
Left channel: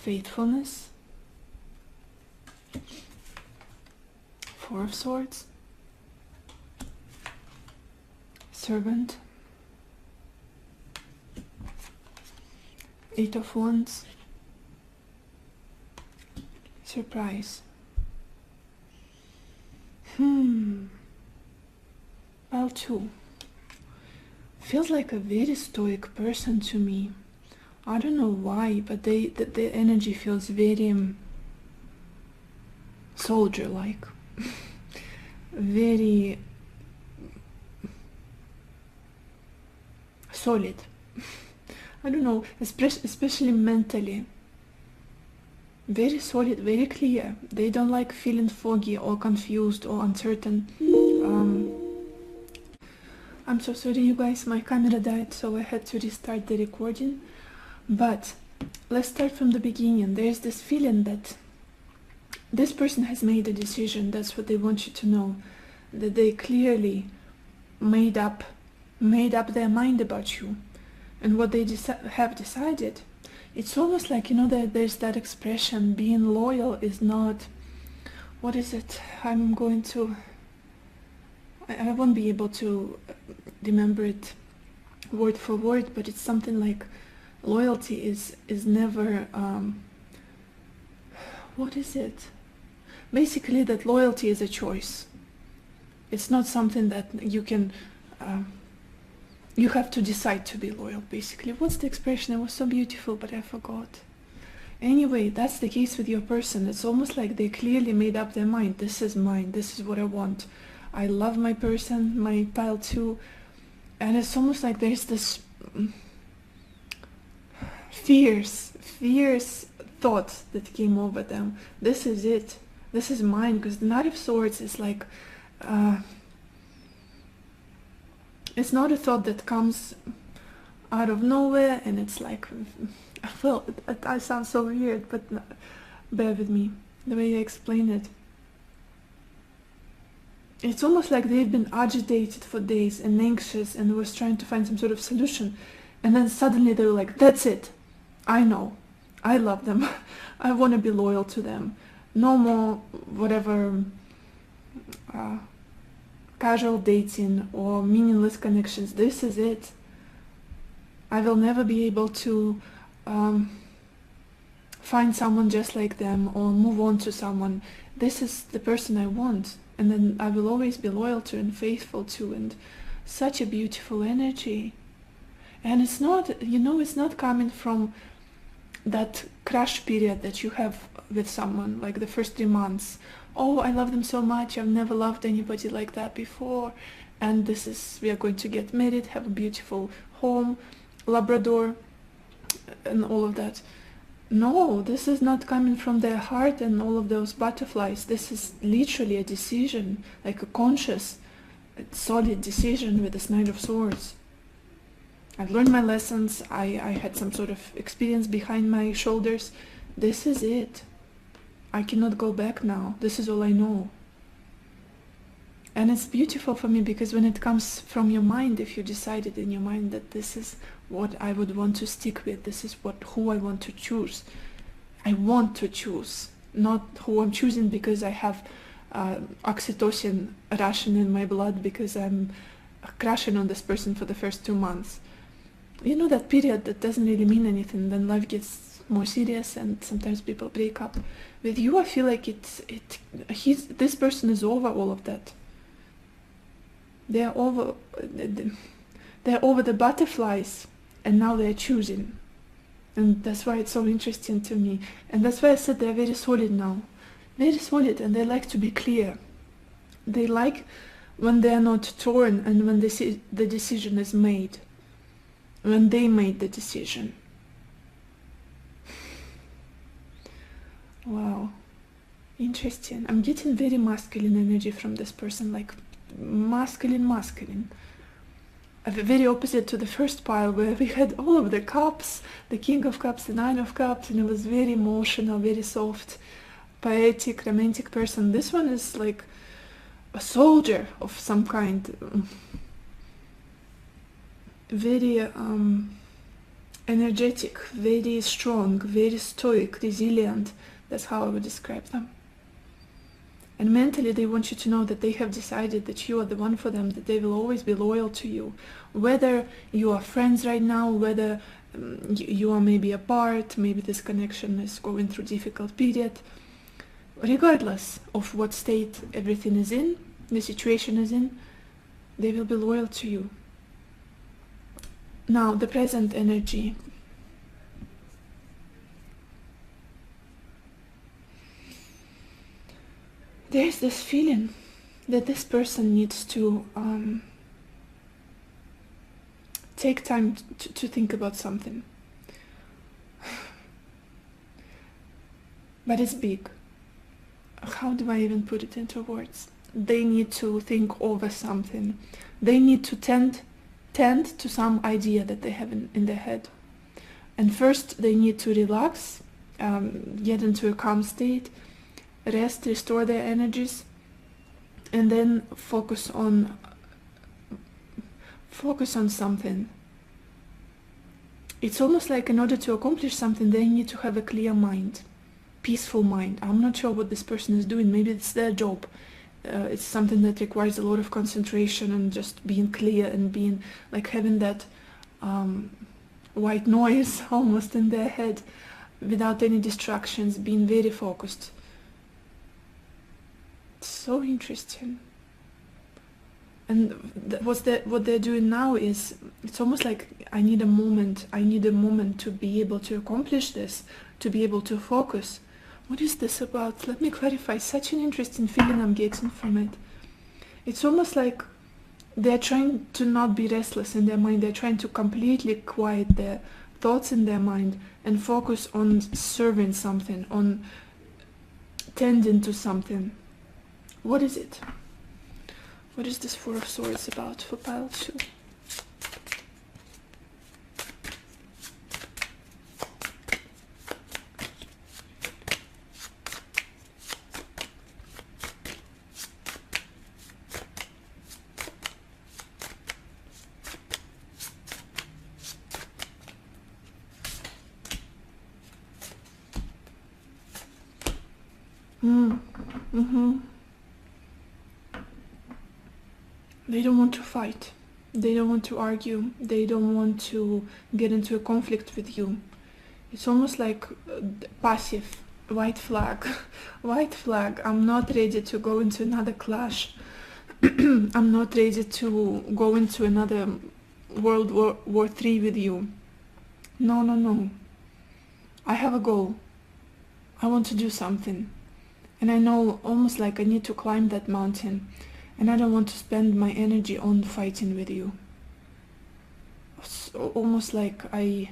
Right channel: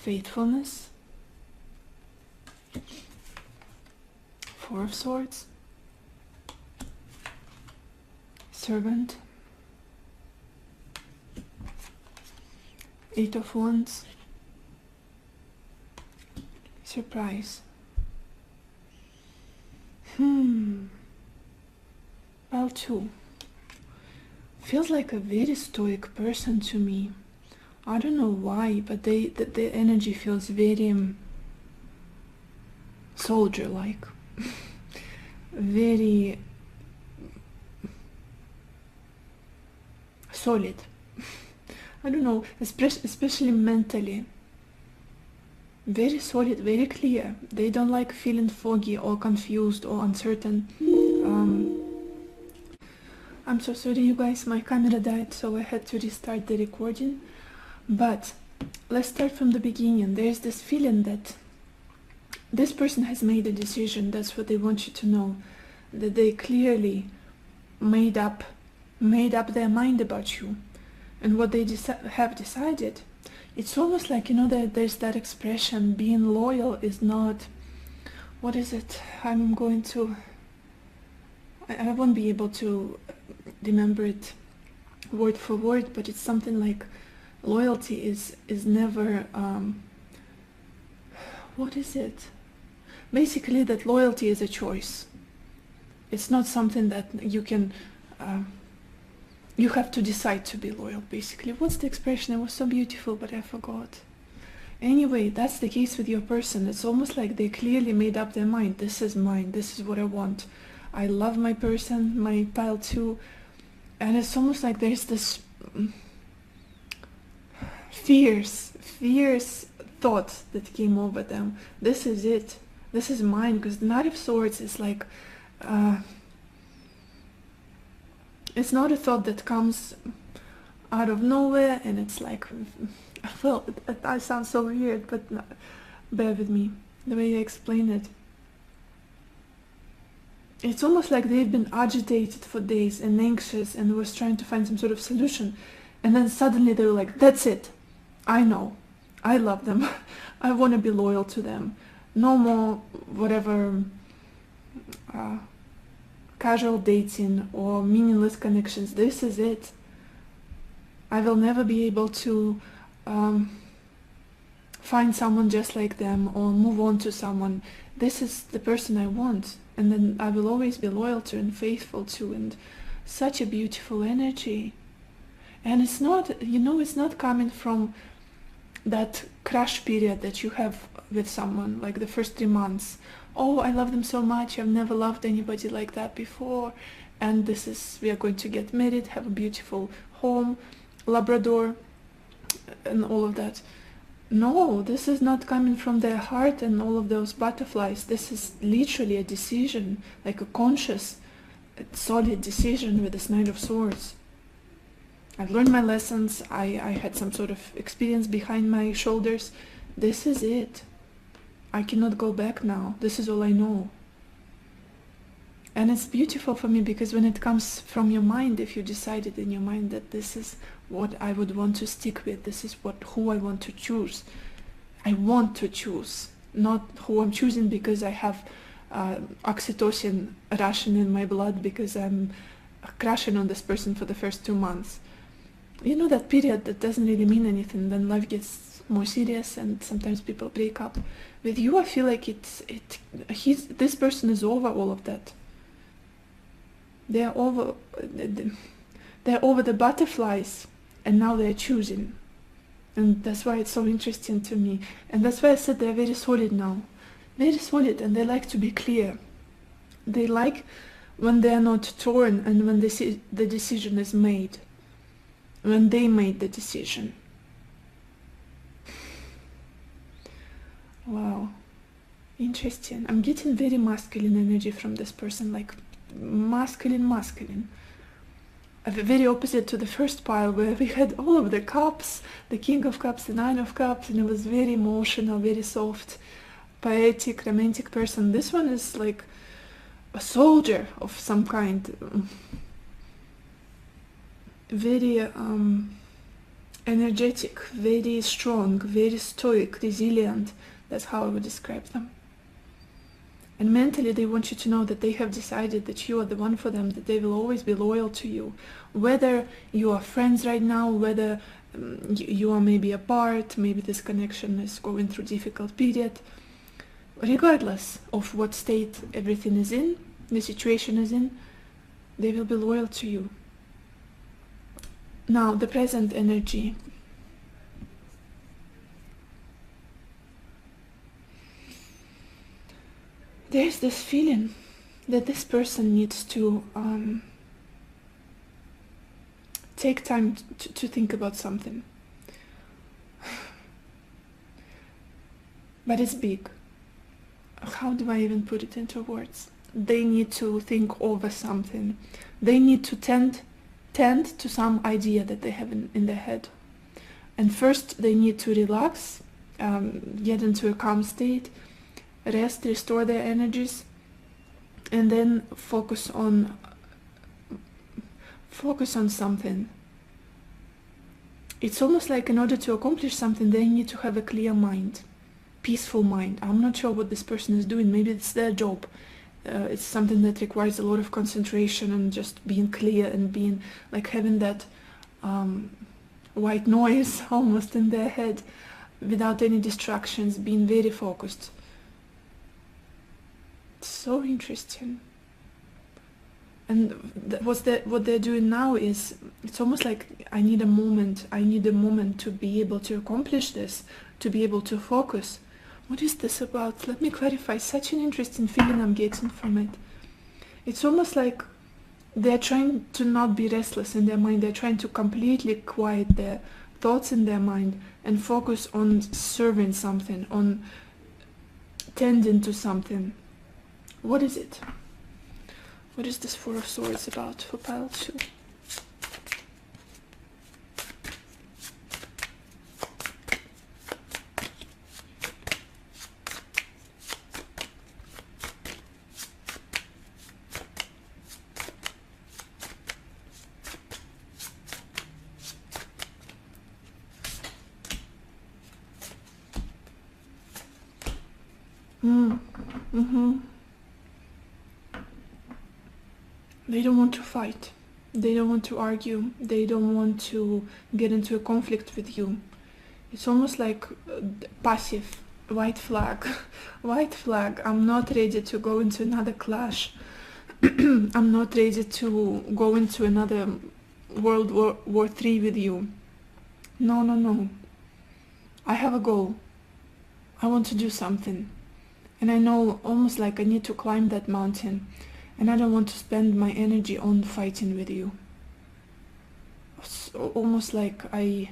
Faithfulness, Four of Swords, Servant, Eight of Wands, Surprise. Pile 2. Feels like a very stoic person to me. I don't know why, but the energy feels very soldier-like. Very solid. I don't know, especially mentally. Very solid, very clear. They don't like feeling foggy or confused or uncertain. I'm so sorry, you guys, my camera died, so I had to restart the recording. But let's start from the beginning. There's this feeling that this person has made a decision. That's what they want you to know. That they clearly made up their mind about you. And what they have decided, it's almost like, you know, that there's that expression, being loyal is not, what is it? I won't be able to remember it word for word, but it's something like loyalty is never, what is it? Basically, that loyalty is a choice. It's not something that you can, you have to decide to be loyal, basically. What's the expression? It was so beautiful, but I forgot. Anyway, that's the case with your person. It's almost like they clearly made up their mind. This is mine. This is what I want. I love my person, my pile 2. And it's almost like there's this fierce thought that came over them. This is it. This is mine. Because the Knight of Swords is like... it's not a thought that comes out of nowhere, and it's like, I sound so weird, but bear with me, the way I explain it. It's almost like they've been agitated for days and anxious and was trying to find some sort of solution, and then suddenly they were like, that's it, I know, I love them, I want to be loyal to them, no more whatever casual dating or meaningless connections. This is it. I will never be able to find someone just like them or move on to someone. This is the person I want, and then I will always be loyal to and faithful to, and such a beautiful energy. And it's not, you know, it's not coming from that crush period that you have with someone, like the first 3 months. Oh, I love them so much, I've never loved anybody like that before, and this is, we are going to get married, have a beautiful home, Labrador, and all of that. No, this is not coming from their heart and all of those butterflies. This is literally a decision, like a conscious, solid decision with this Knight of Swords. I've learned my lessons. I had some sort of experience behind my shoulders. This is it. I cannot go back now. This is all I know. And it's beautiful for me because when it comes from your mind, if you decided in your mind that this is what I would want to stick with, this is who I want to choose. I want to choose, not who I'm choosing because I have oxytocin rushing in my blood because I'm crashing on this person for the first 2 months. You know, that period that doesn't really mean anything when life gets more serious and sometimes people break up. With you, I feel like this person is over all of that. They're over the butterflies, and now they're choosing. And that's why it's so interesting to me. And that's why I said they're very solid now. Very solid, and they like to be clear. They like when they're not torn and when the decision is made. When they made the decision. Wow. Interesting. I'm getting very masculine energy from this person, like masculine. Very opposite to the first pile where we had all of the cups, the King of Cups, the Nine of Cups, and it was very emotional, very soft, poetic, romantic person. This one is like a soldier of some kind. Very energetic, very strong, very stoic, resilient. That's how I would describe them. And mentally, they want you to know that they have decided that you are the one for them, that they will always be loyal to you. Whether you are friends right now, whether you are maybe apart, maybe this connection is going through a difficult period, regardless of what state everything is in, the situation is in, they will be loyal to you. Now, the present energy. There's this feeling that this person needs to take time to think about something. But it's big. How do I even put it into words? They need to think over something. They need to tend to some idea that they have in their head. And first they need to relax, get into a calm state, rest, restore their energies, and then focus on something. It's almost like in order to accomplish something, they need to have a clear mind, peaceful mind. I'm not sure what this person is doing. Maybe it's their job. It's something that requires a lot of concentration and just being clear and being like having that white noise almost in their head without any distractions, being very focused. So interesting. And what they're doing now is, it's almost like I need a moment to be able to accomplish this, to be able to focus. What is this about? Let me clarify. Such an interesting feeling I'm getting from it. It's almost like they're trying to not be restless in their mind. They're trying to completely quiet their thoughts in their mind and focus on serving something, on tending to something. What is it? What is this Four of Swords about for pile 2? They don't want to fight. They don't want to argue. They don't want to get into a conflict with you. It's almost like passive. White flag. White flag. I'm not ready to go into another clash. I'm not ready to go into another World War III with you. No. I have a goal. I want to do something. And I know almost like I need to climb that mountain. And I don't want to spend my energy on fighting with you. It's almost like I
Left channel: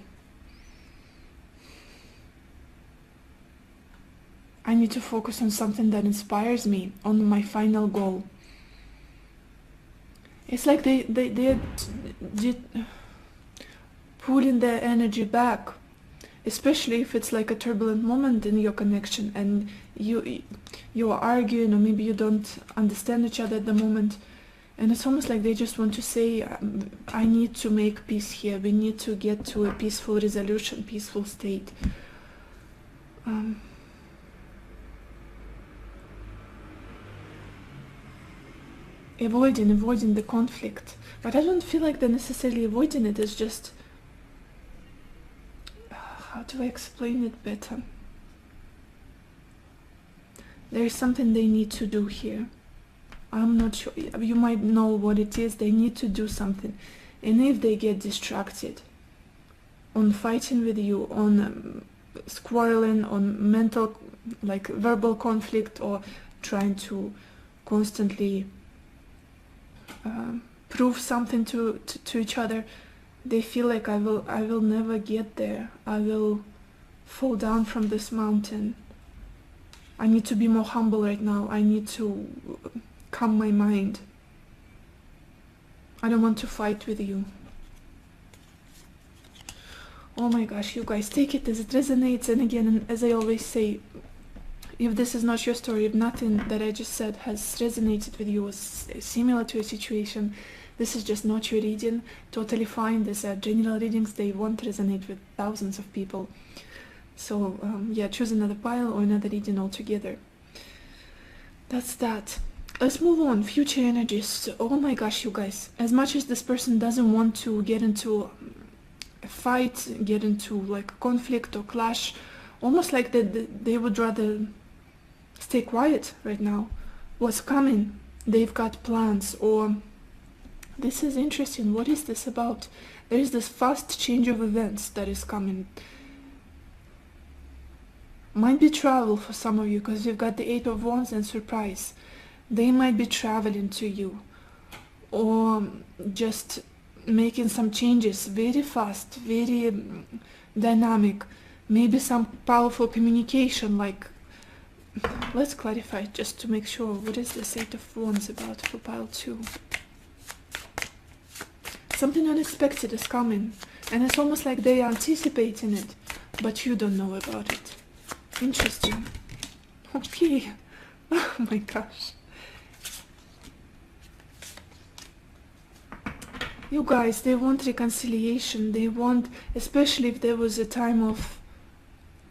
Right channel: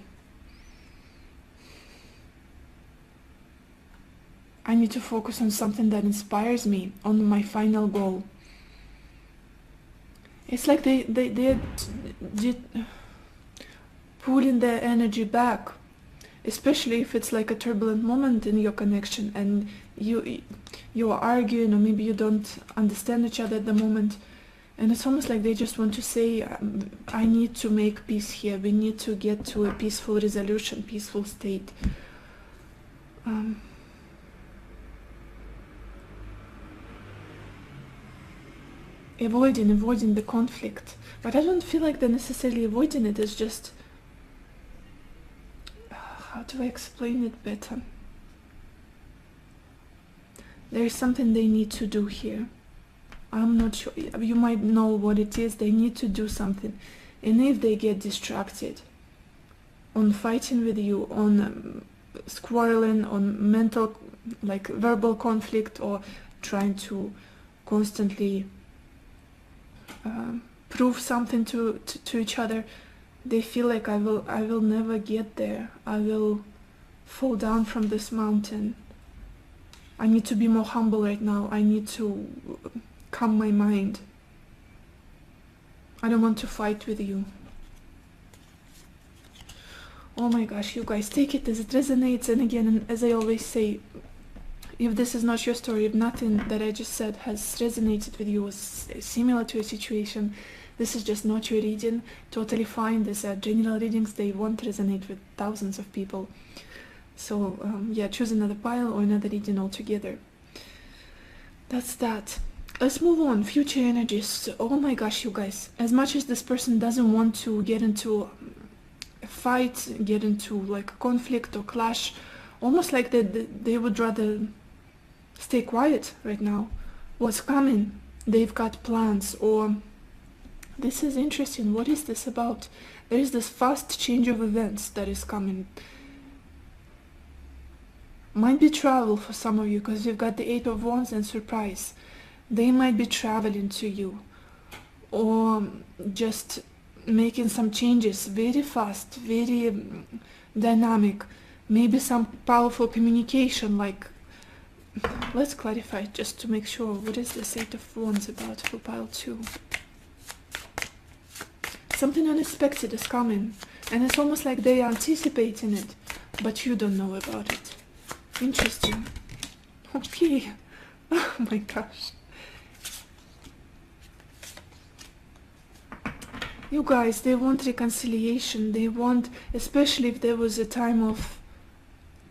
need to focus on something that inspires me, on my final goal. It's like pulling their energy back, especially if it's like a turbulent moment in your connection and you are arguing, or maybe you don't understand each other at the moment, and it's almost like they just want to say, I need to make peace here, we need to get to a peaceful resolution, peaceful state. Avoiding the conflict, but I don't feel like they're necessarily avoiding it. It's just, how do I explain it better? There is something they need to do here. I'm not sure. You might know what it is. They need to do something, and if they get distracted on fighting with you, on squabbling, on mental, like verbal conflict, or trying to constantly prove something to each other, they feel like I will never get there. I will fall down from this mountain. I need to be more humble right now. I need to calm my mind. I don't want to fight with you. Oh my gosh, you guys, take it as it resonates. And again, as I always say, if this is not your story, if nothing that I just said has resonated with you, was similar to a situation, this is just not your reading. Totally fine. These are general readings. They won't resonate with thousands of people. So yeah, choose another pile or another reading altogether. That's that. Let's move on. Future energies. Oh my gosh, you guys. As much as this person doesn't want to get into a fight, get into like a conflict or clash, almost like they would rather stay quiet right now. What's coming? They've got plans, or this is interesting. What is this about? There is this fast change of events that is coming. Might be travel for some of you, because you've got the Eight of Wands and surprise. They might be traveling to you, or just making some changes very fast, very dynamic. Maybe some powerful communication, like, let's clarify it just to make sure. What is this Eight of Wands about for pile 2? Something unexpected is coming, and it's almost like they are anticipating it, but you don't know about it. Interesting. Okay. Oh my gosh. You guys, they want reconciliation. They want, especially if there was a time of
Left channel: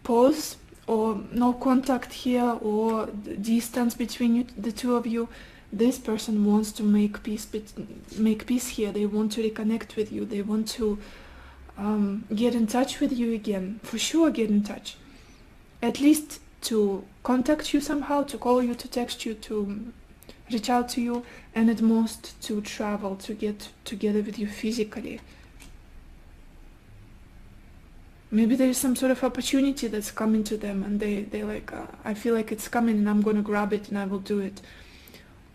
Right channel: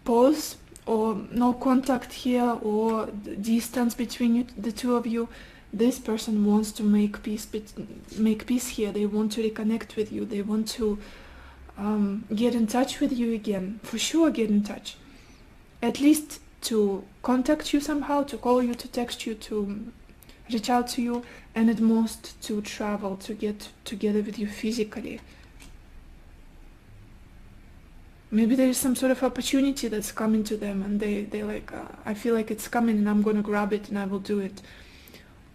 pause or no contact here, or the distance between the two of you. This person wants to make peace here. They want to reconnect with you. They want to get in touch with you again. For sure, get in touch. At least to contact you somehow, to call you, to text you, to reach out to you, and at most to travel, to get together with you physically. Maybe there is some sort of opportunity that's coming to them, and they like, I feel like it's coming and I'm gonna grab it and I will do it.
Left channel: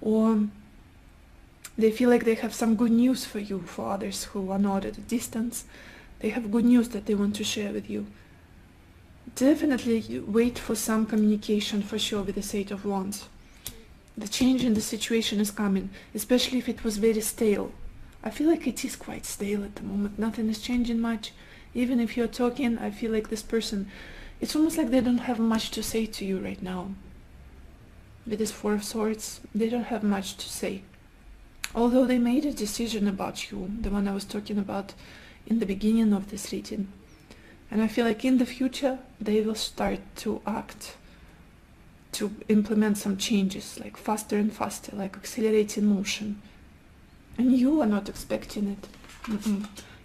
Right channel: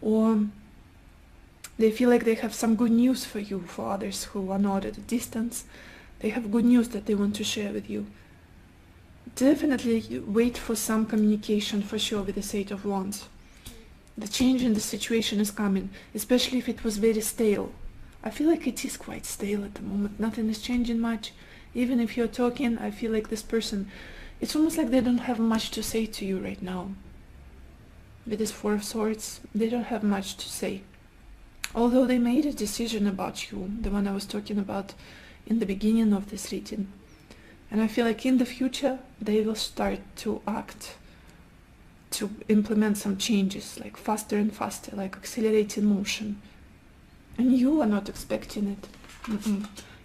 Or they feel like they have some good news for you. For others who are not at a distance, they have good news that they want to share with you. Definitely wait for some communication for sure with the Eight of Wands. The change in the situation is coming, especially if it was very stale. I feel like it is quite stale at the moment. Nothing is changing much. Even if you're talking, I feel like this person, it's almost like they don't have much to say to you right now. With this Four of Swords, they don't have much to say. Although they made a decision about you, the one I was talking about in the beginning of this reading. And I feel like in the future, they will start to act, to implement some changes, like faster and faster, like accelerating motion. And you are not expecting it.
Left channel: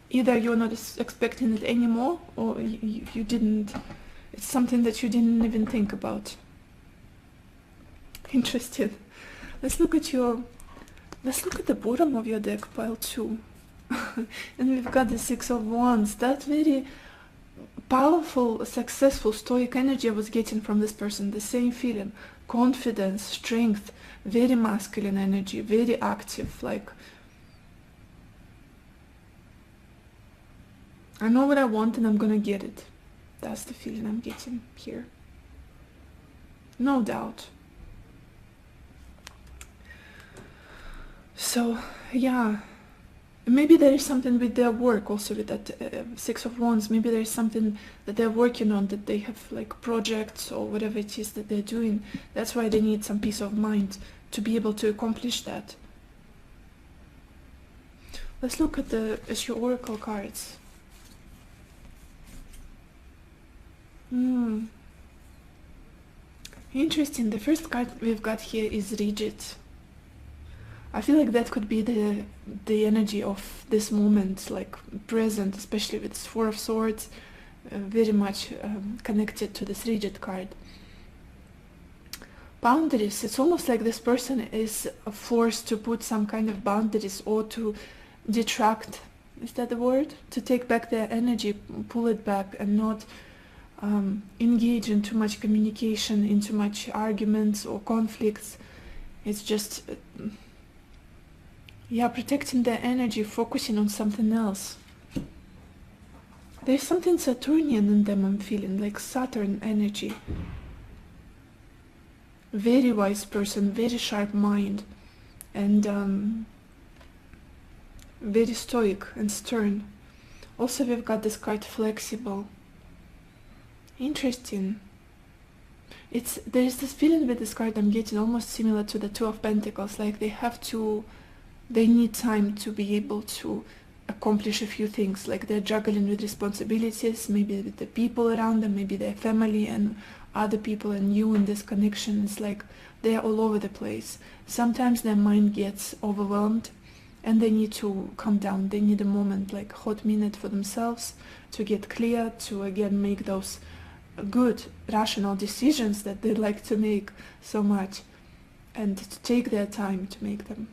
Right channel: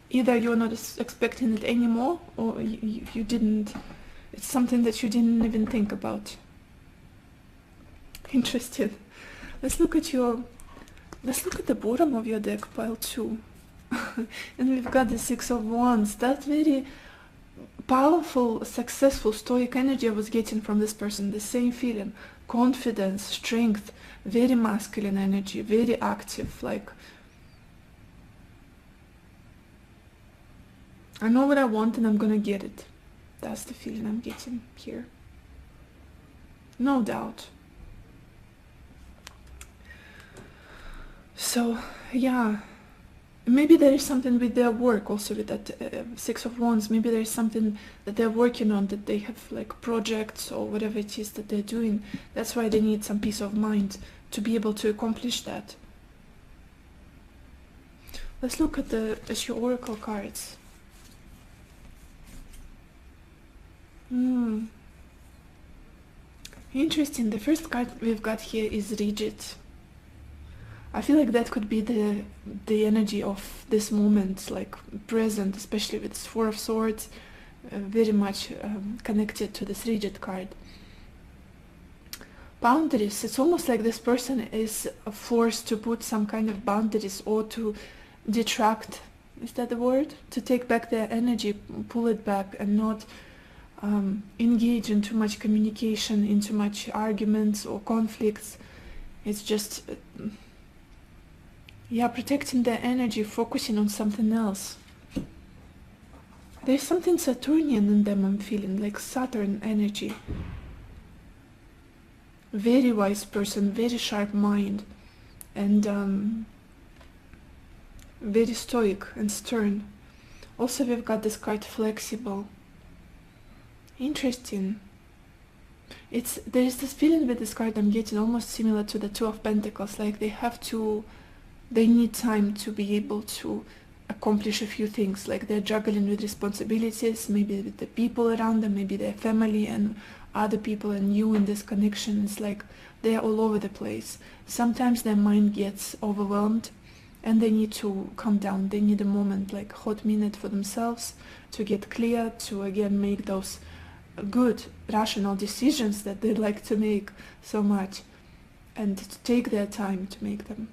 Either you're not expecting it anymore, or you didn't, it's something that you didn't even think about. Interesting. Let's look at the bottom of your deck, pile 2. And we've got the Six of Wands. That very powerful, successful, stoic energy I was getting from this person. The same feeling, confidence, strength, very masculine energy, very active, like, I know what I want and I'm gonna get it. That's the feeling I'm getting here. No doubt. So, yeah, maybe there is something with their work also with that Six of Wands. Maybe there is something that they're working on, that they have like projects or whatever it is that they're doing. That's why they need some peace of mind to be able to accomplish that. Let's look at the Asher Oracle cards. Interesting. The first card we've got here is rigid. I feel like that could be the energy of this moment, like present, especially with this Four of Swords, very much connected to this rigid card. Boundaries. It's almost like this person is forced to put some kind of boundaries or to detract. Is that the word? To take back their energy, pull it back, and not engage in too much communication, in too much arguments or conflicts. It's just protecting their energy, focusing on something else. There's something Saturnian in them, I'm feeling, like Saturn energy. Very wise person, very sharp mind, and very stoic and stern. Also, we've got this card flexible. Interesting. There's this feeling with this card I'm getting almost similar to the Two of Pentacles, like they need time to be able to accomplish a few things, like they're juggling with responsibilities, maybe with the people around them, maybe their family and other people and you in this connection. It's like they're all over the place. Sometimes their mind gets overwhelmed and they need to calm down. They need a moment, like a hot minute for themselves to get clear, to again make those good, rational decisions that they like to make so much, and to take their time to make them.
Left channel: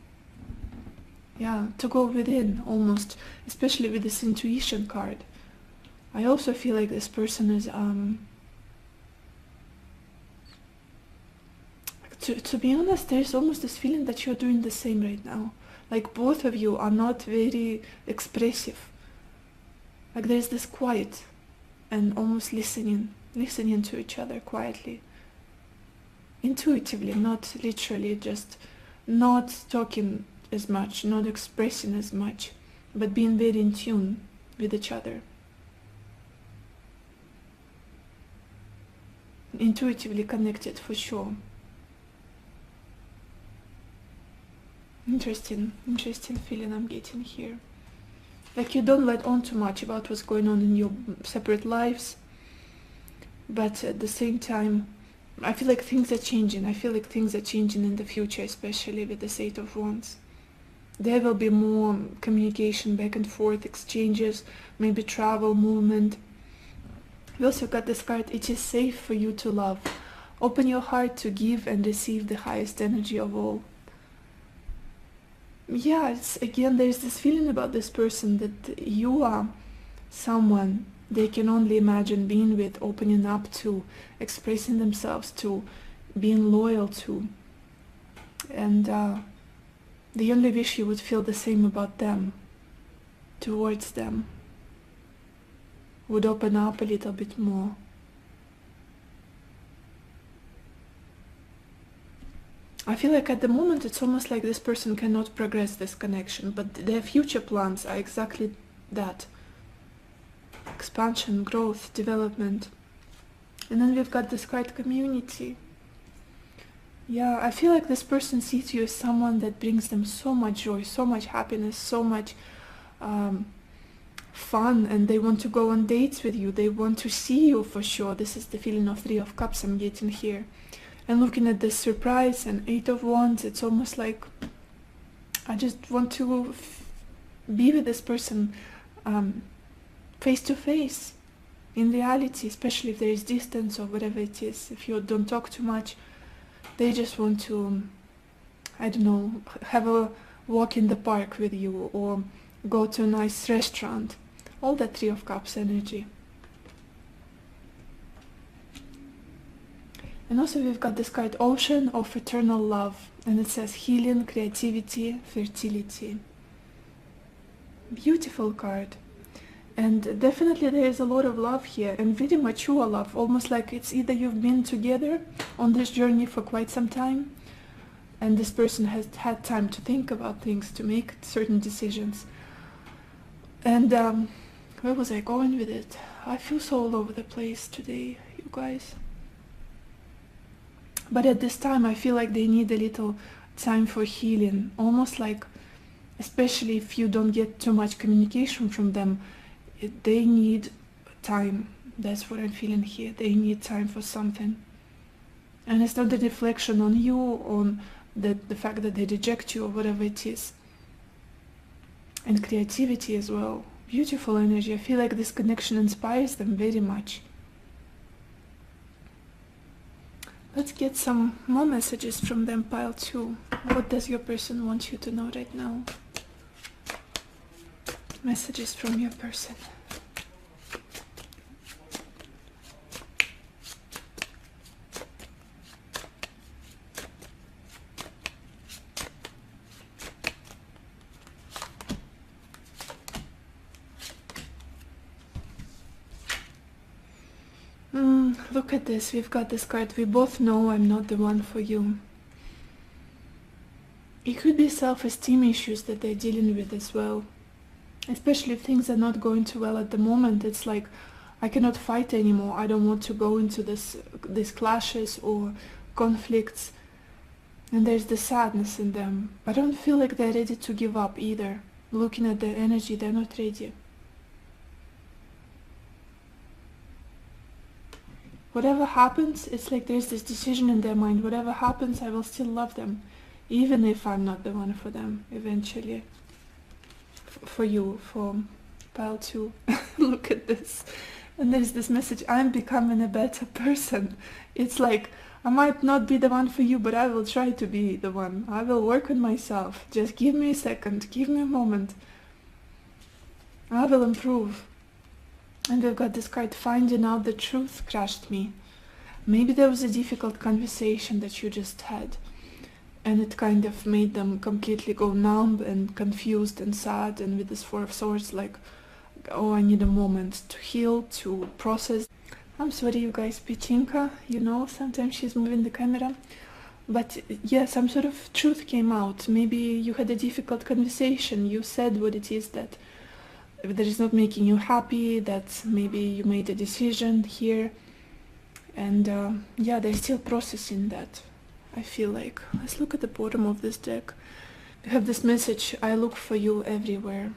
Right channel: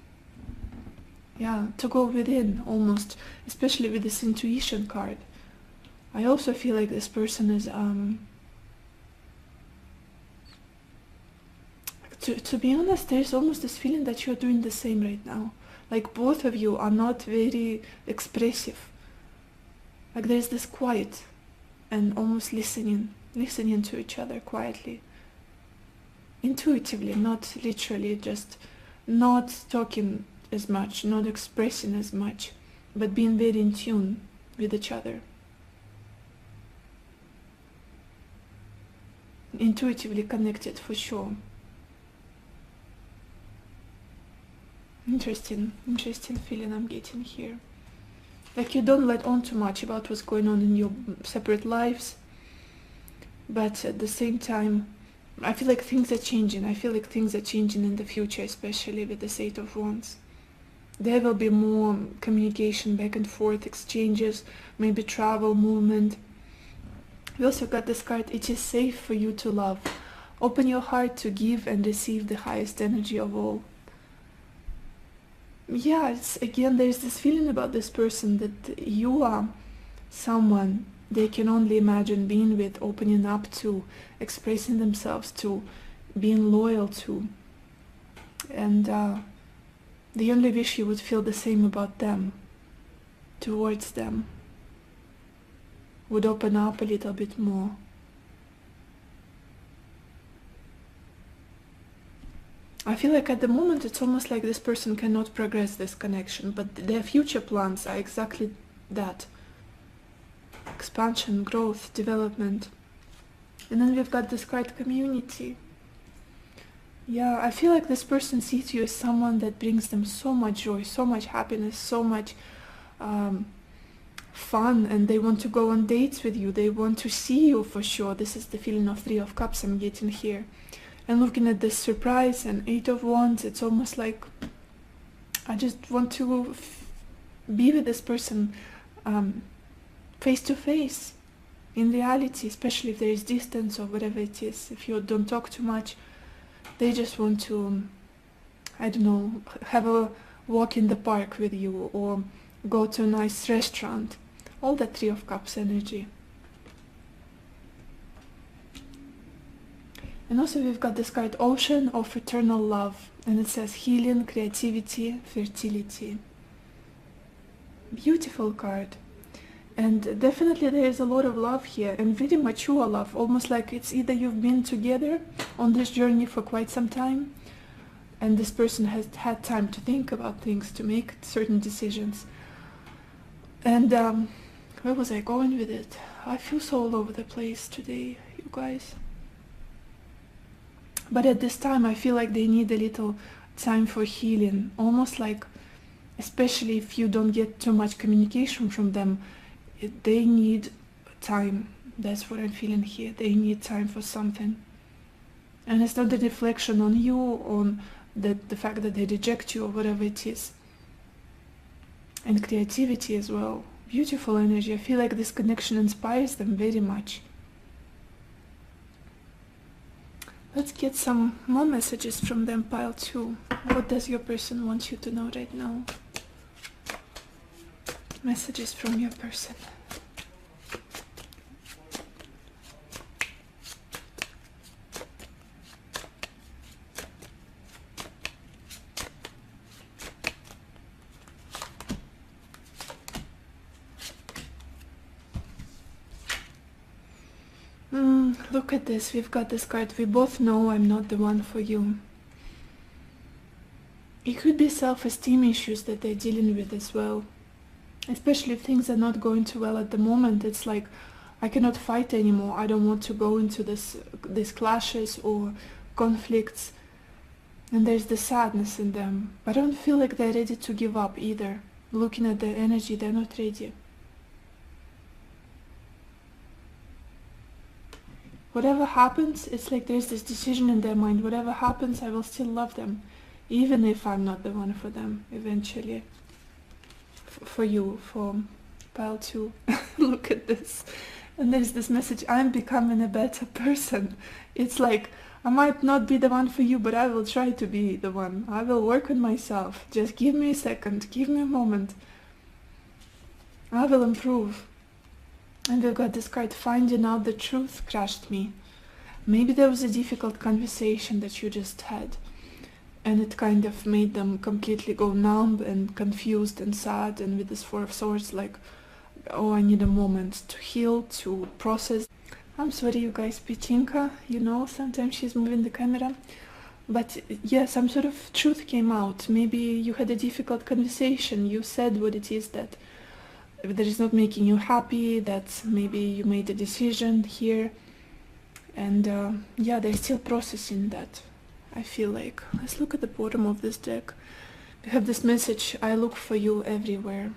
To go within almost, especially with this intuition card. I also feel like this person is, to be honest, there's almost this feeling that you're doing the same right now. Like both of you are not very expressive. Like there's this quiet and almost listening to each other quietly. Intuitively, not literally, just not talking as much, not expressing as much, but being very in tune with each other. Intuitively connected for sure. Interesting feeling I'm getting here. Like you don't let on too much about what's going on in your separate lives, but at the same time, I feel like things are changing. I feel like things are changing in the future, especially with the Eight of Wands. There will be more communication, back and forth, exchanges, maybe travel, movement. We also got this card, it is safe for you to love. Open your heart to give and receive the highest energy of all. Again, there's this feeling about this person that you are someone they can only imagine being with, opening up to, expressing themselves to, being loyal to. And the only wish you would feel the same about them, towards them, would open up a little bit more. I feel like at the moment it's almost like this person cannot progress this connection, but their future plans are exactly that. Expansion, growth, development. And then we've got this card, community. I feel like this person sees you as someone that brings them so much joy, so much happiness, so much fun, and they want to go on dates with you. They want to see you for sure. This is the feeling of Three of Cups I'm getting here. And looking at this surprise and Eight of Wands, it's almost like I just want to be with this person face to face, in reality, especially if there is distance or whatever it is. If you don't talk too much, they just want to, I don't know, have a walk in the park with you or go to a nice restaurant. All that Three of Cups energy. And also we've got this card, Ocean of Eternal Love, and it says healing, creativity, fertility. Beautiful card. And definitely there is a lot of love here, and very mature love, almost like it's either you've been together on this journey for quite some time, and this person has had time to think about things, to make certain decisions, And where was I going with it? I feel so all over the place today, you guys. But at this time, I feel like they need a little time for healing. Almost like, especially if you don't get too much communication from them, they need time. That's what I'm feeling here. They need time for something. And it's not the reflection on you, on the fact that they reject you or whatever it is. And creativity as well. Beautiful energy. I feel like this connection inspires them very much. Let's get some more messages from them, pile 2. What does your person want you to know right now? Messages from your person. Look at this, we've got this card. We both know I'm not the one for you. It could be self-esteem issues that they're dealing with as well. Especially if things are not going too well at the moment. It's like, I cannot fight anymore. I don't want to go into these clashes or conflicts. And there's the sadness in them. I don't feel like they're ready to give up either. Looking at their energy, they're not ready. Whatever happens, it's like there's this decision in their mind. Whatever happens, I will still love them. Even if I'm not the one for them, eventually. For you, for pile 2. Look at this. And there's this message, I'm becoming a better person. It's like, I might not be the one for you, but I will try to be the one. I will work on myself. Just give me a second, give me a moment. I will improve. And we've got this card, finding out the truth crushed me. Maybe there was a difficult conversation that you just had, and it kind of made them completely go numb and confused and sad, and with this 4 of Swords, like, oh, I need a moment to heal, to process. I'm sorry, you guys, Pichinka, you know, sometimes she's moving the camera. But yeah, some sort of truth came out. Maybe you had a difficult conversation. You said what it is that is not making you happy, that maybe you made a decision here. And yeah, they're still processing that, I feel like. Let's look at the bottom of this deck. We have this message, I look for you everywhere.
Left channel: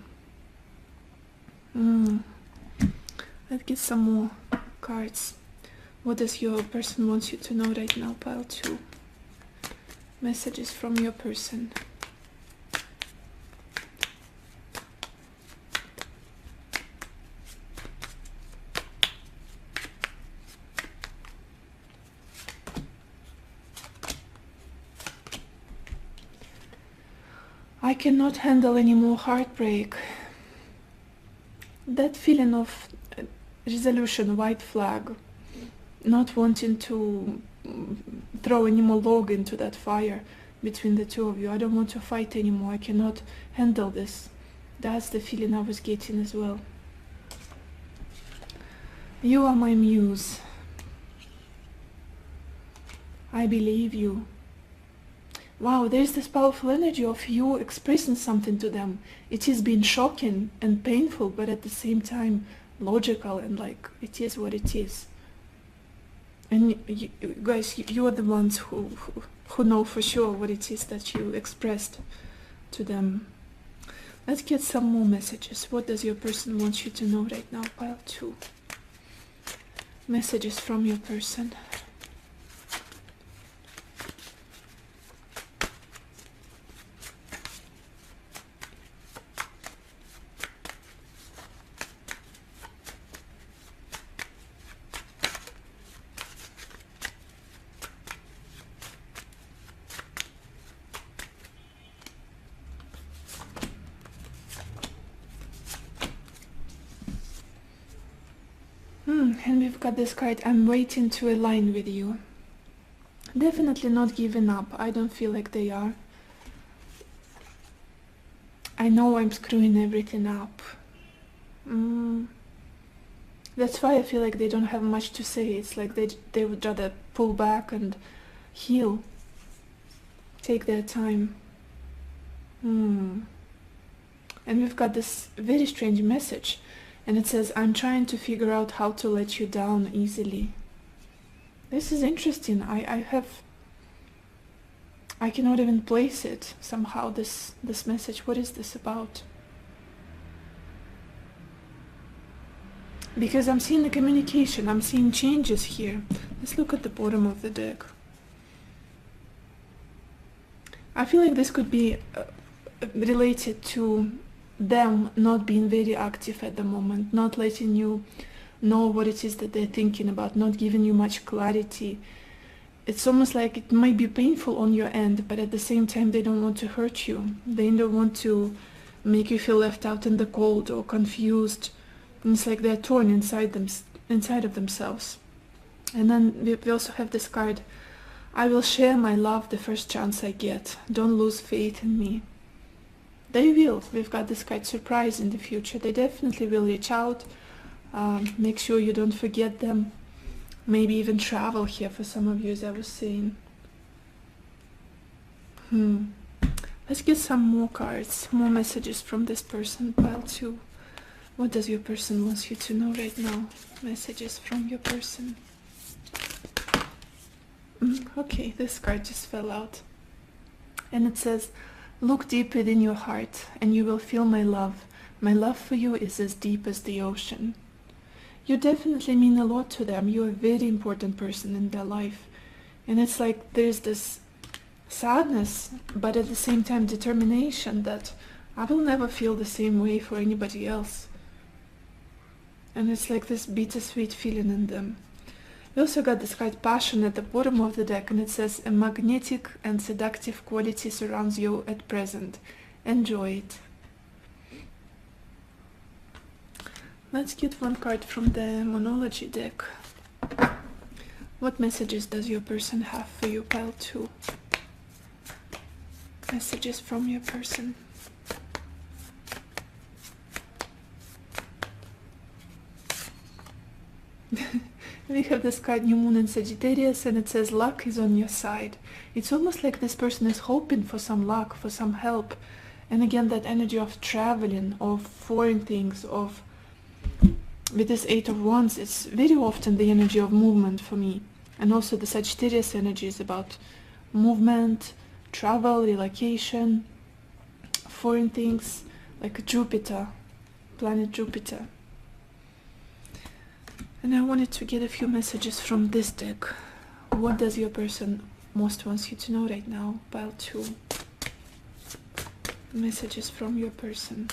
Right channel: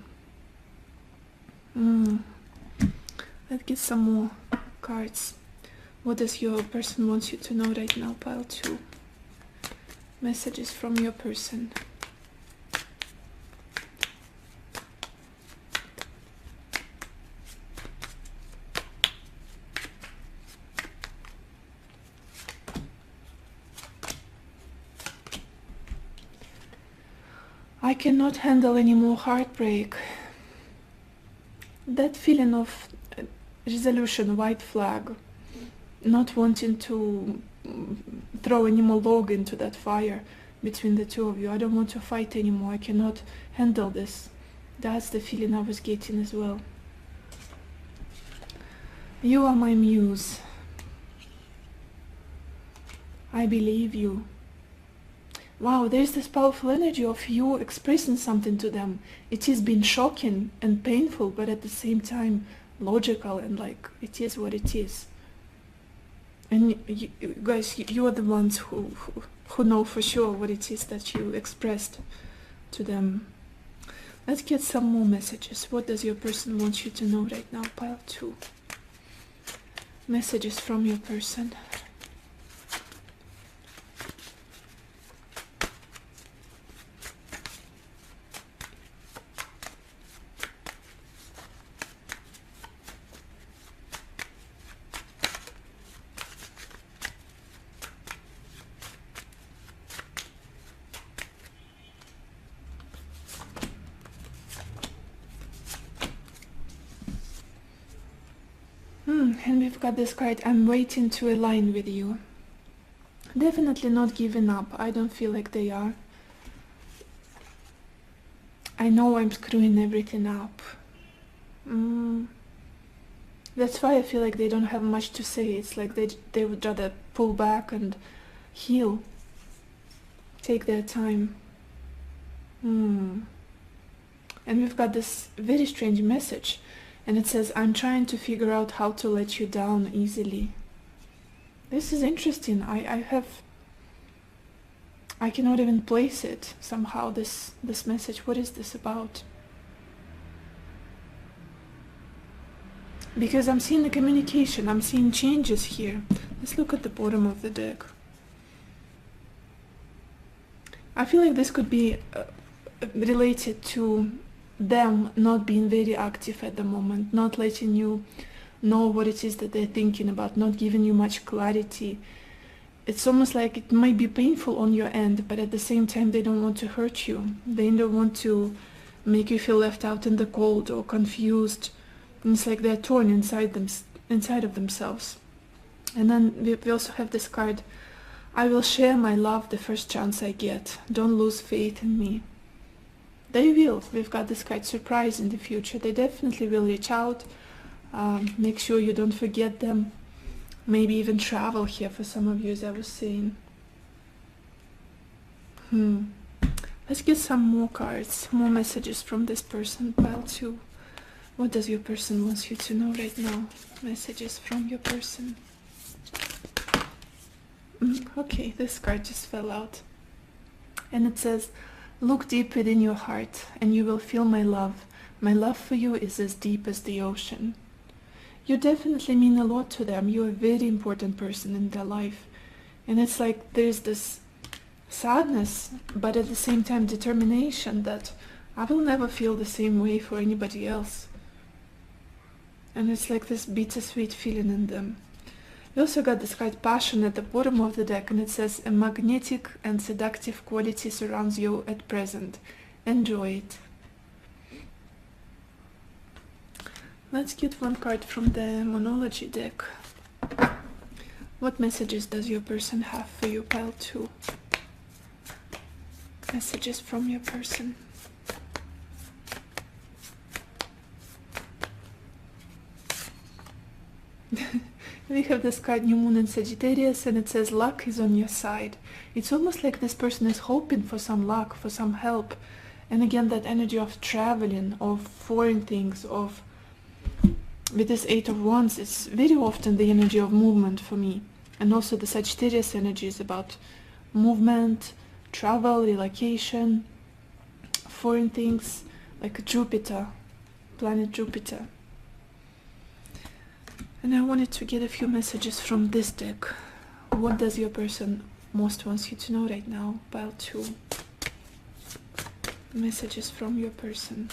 Let's get some more cards. What does your person want you to know right now, pile 2? Messages from your person. I cannot handle any more heartbreak. That feeling of resolution, white flag, not wanting to throw any more log into that fire between the two of you. I don't want to fight anymore. I cannot handle this. That's the feeling I was getting as well. You are my muse. I believe you. Wow, there's this powerful energy of you expressing something to them. It has been shocking and painful, but at the same time logical, and like, it is what it is. And you guys, you are the ones who know for sure what it is that you expressed to them. Let's get some more messages. What does your person want you to know right now? Pile 2. Messages from your person. And we've got this card, I'm waiting to align with you. Definitely not giving up. I don't feel like they are. I know I'm screwing everything up. That's why I feel like they don't have much to say. It's like they would rather pull back and heal. Take their time. And And we've got this very strange message, and it says, I'm trying to figure out how to let you down easily. This is interesting. I cannot even place it somehow, this message. What is this about? Because I'm seeing the communication, I'm seeing changes here. Let's look at the bottom of the deck. I feel like this could be related to them not being very active at the moment, not letting you know what it is that they're thinking about, not giving you much clarity. It's almost like it might be painful on your end, but at the same time they don't want to hurt you. They don't want to make you feel left out in the cold or confused. And it's like they're torn inside of themselves. And then we also have this card, I will share my love the first chance I get. Don't lose faith in me. They will. We've got this card, surprise in the future. They definitely will reach out. Make sure you don't forget them. Maybe even travel here for some of you, as I was saying. Let's get some more cards, more messages from this person. Pile 2. What does your person want you to know right now? Messages from your person. Okay, this card just fell out. And it says, look deep within your heart and you will feel my love. My love for you is as deep as the ocean. You definitely mean a lot to them. You're a very important person in their life. And it's like there's this sadness, but at the same time determination that I will never feel the same way for anybody else. And it's like this bittersweet feeling in them. You also got this card passion at the bottom of the deck, and it says a magnetic and seductive quality surrounds you at present. Enjoy it. Let's get one card from the Monology deck. What messages does your person have for you, pile 2? Messages from your person. We have this card, New Moon in Sagittarius, and it says luck is on your side. It's almost like this person is hoping for some luck, for some help. And again, that energy of traveling, of foreign things, of... With this 8 of Wands, it's very often the energy of movement for me. And also the Sagittarius energy is about movement, travel, relocation, foreign things, like Jupiter, planet Jupiter. And I wanted to get a few messages from this deck. What does your person most wants you to know right now? Pile 2. Messages from your person.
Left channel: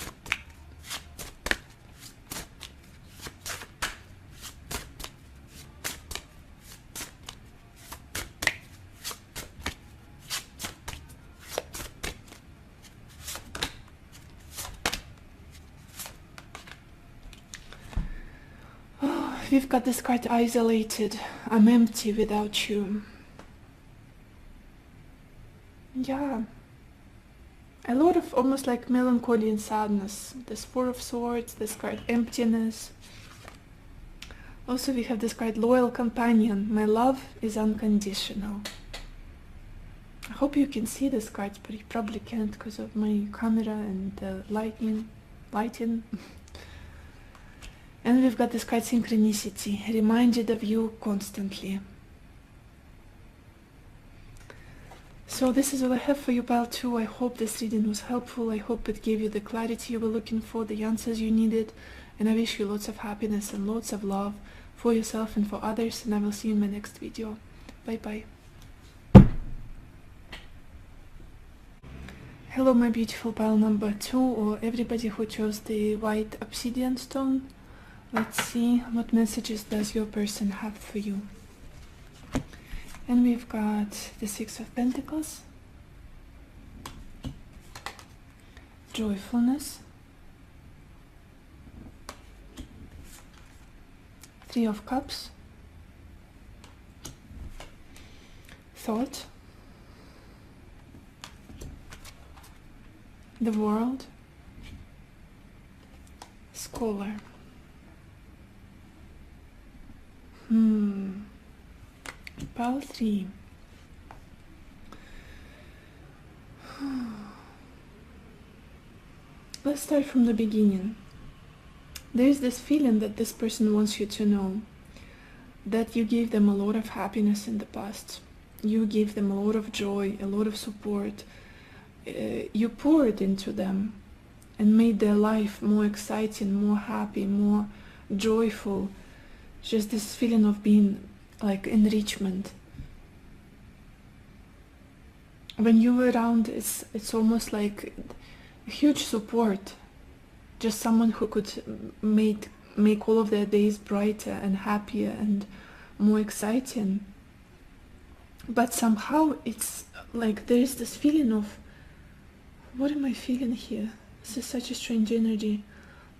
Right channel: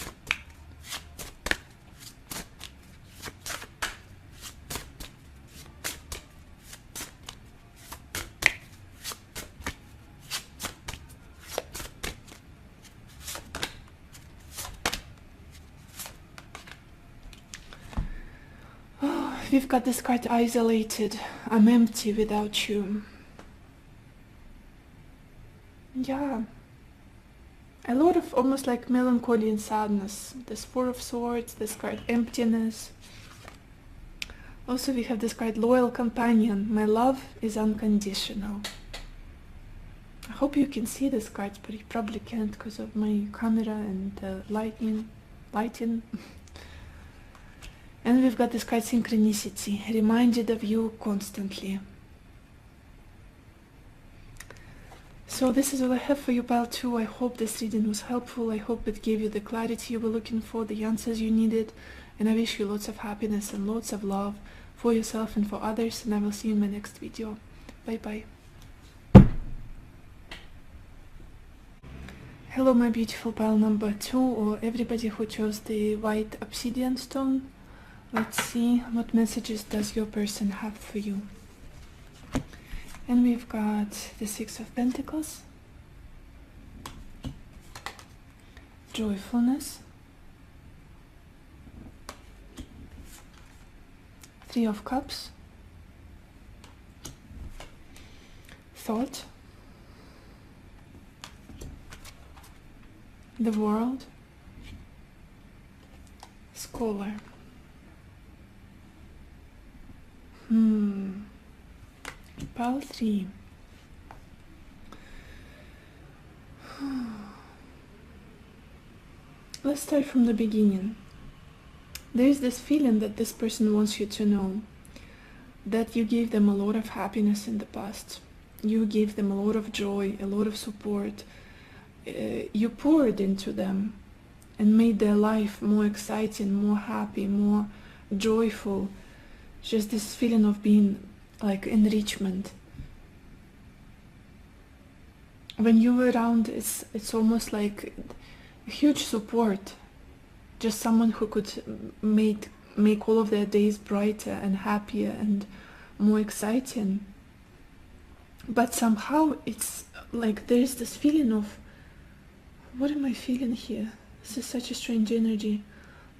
We've got this card, isolated. I'm empty without you. Yeah. A lot of almost like melancholy and sadness. This 4 of Swords, this card, emptiness. Also we have this card, loyal companion. My love is unconditional. I hope you can see this card, but you probably can't because of my camera and the lighting. And we've got this card, synchronicity, reminded of you constantly. So this is all I have for you, pile 2. I hope this reading was helpful. I hope it gave you the clarity you were looking for, the answers you needed. And I wish you lots of happiness and lots of love for yourself and for others. And I will see you in my next video. Bye bye. Hello my beautiful pile number 2, or everybody who chose the white obsidian stone. Let's see what messages does your person have for you. And we've got the 6 of Pentacles, joyfulness, 3 of Cups, thought, the world, scholar. Pile 3. Let's let's start from the beginning. There's this feeling that this person wants you to know that you gave them a lot of happiness in the past. You gave them a lot of joy, a lot of support. You poured into them and made their life more exciting, more happy, more joyful. Just this feeling of being like enrichment. When you're around, it's almost like a huge support. Just someone who could make all of their days brighter and happier and more exciting. But somehow it's like there's this feeling of, what am I feeling here? This is such a strange energy,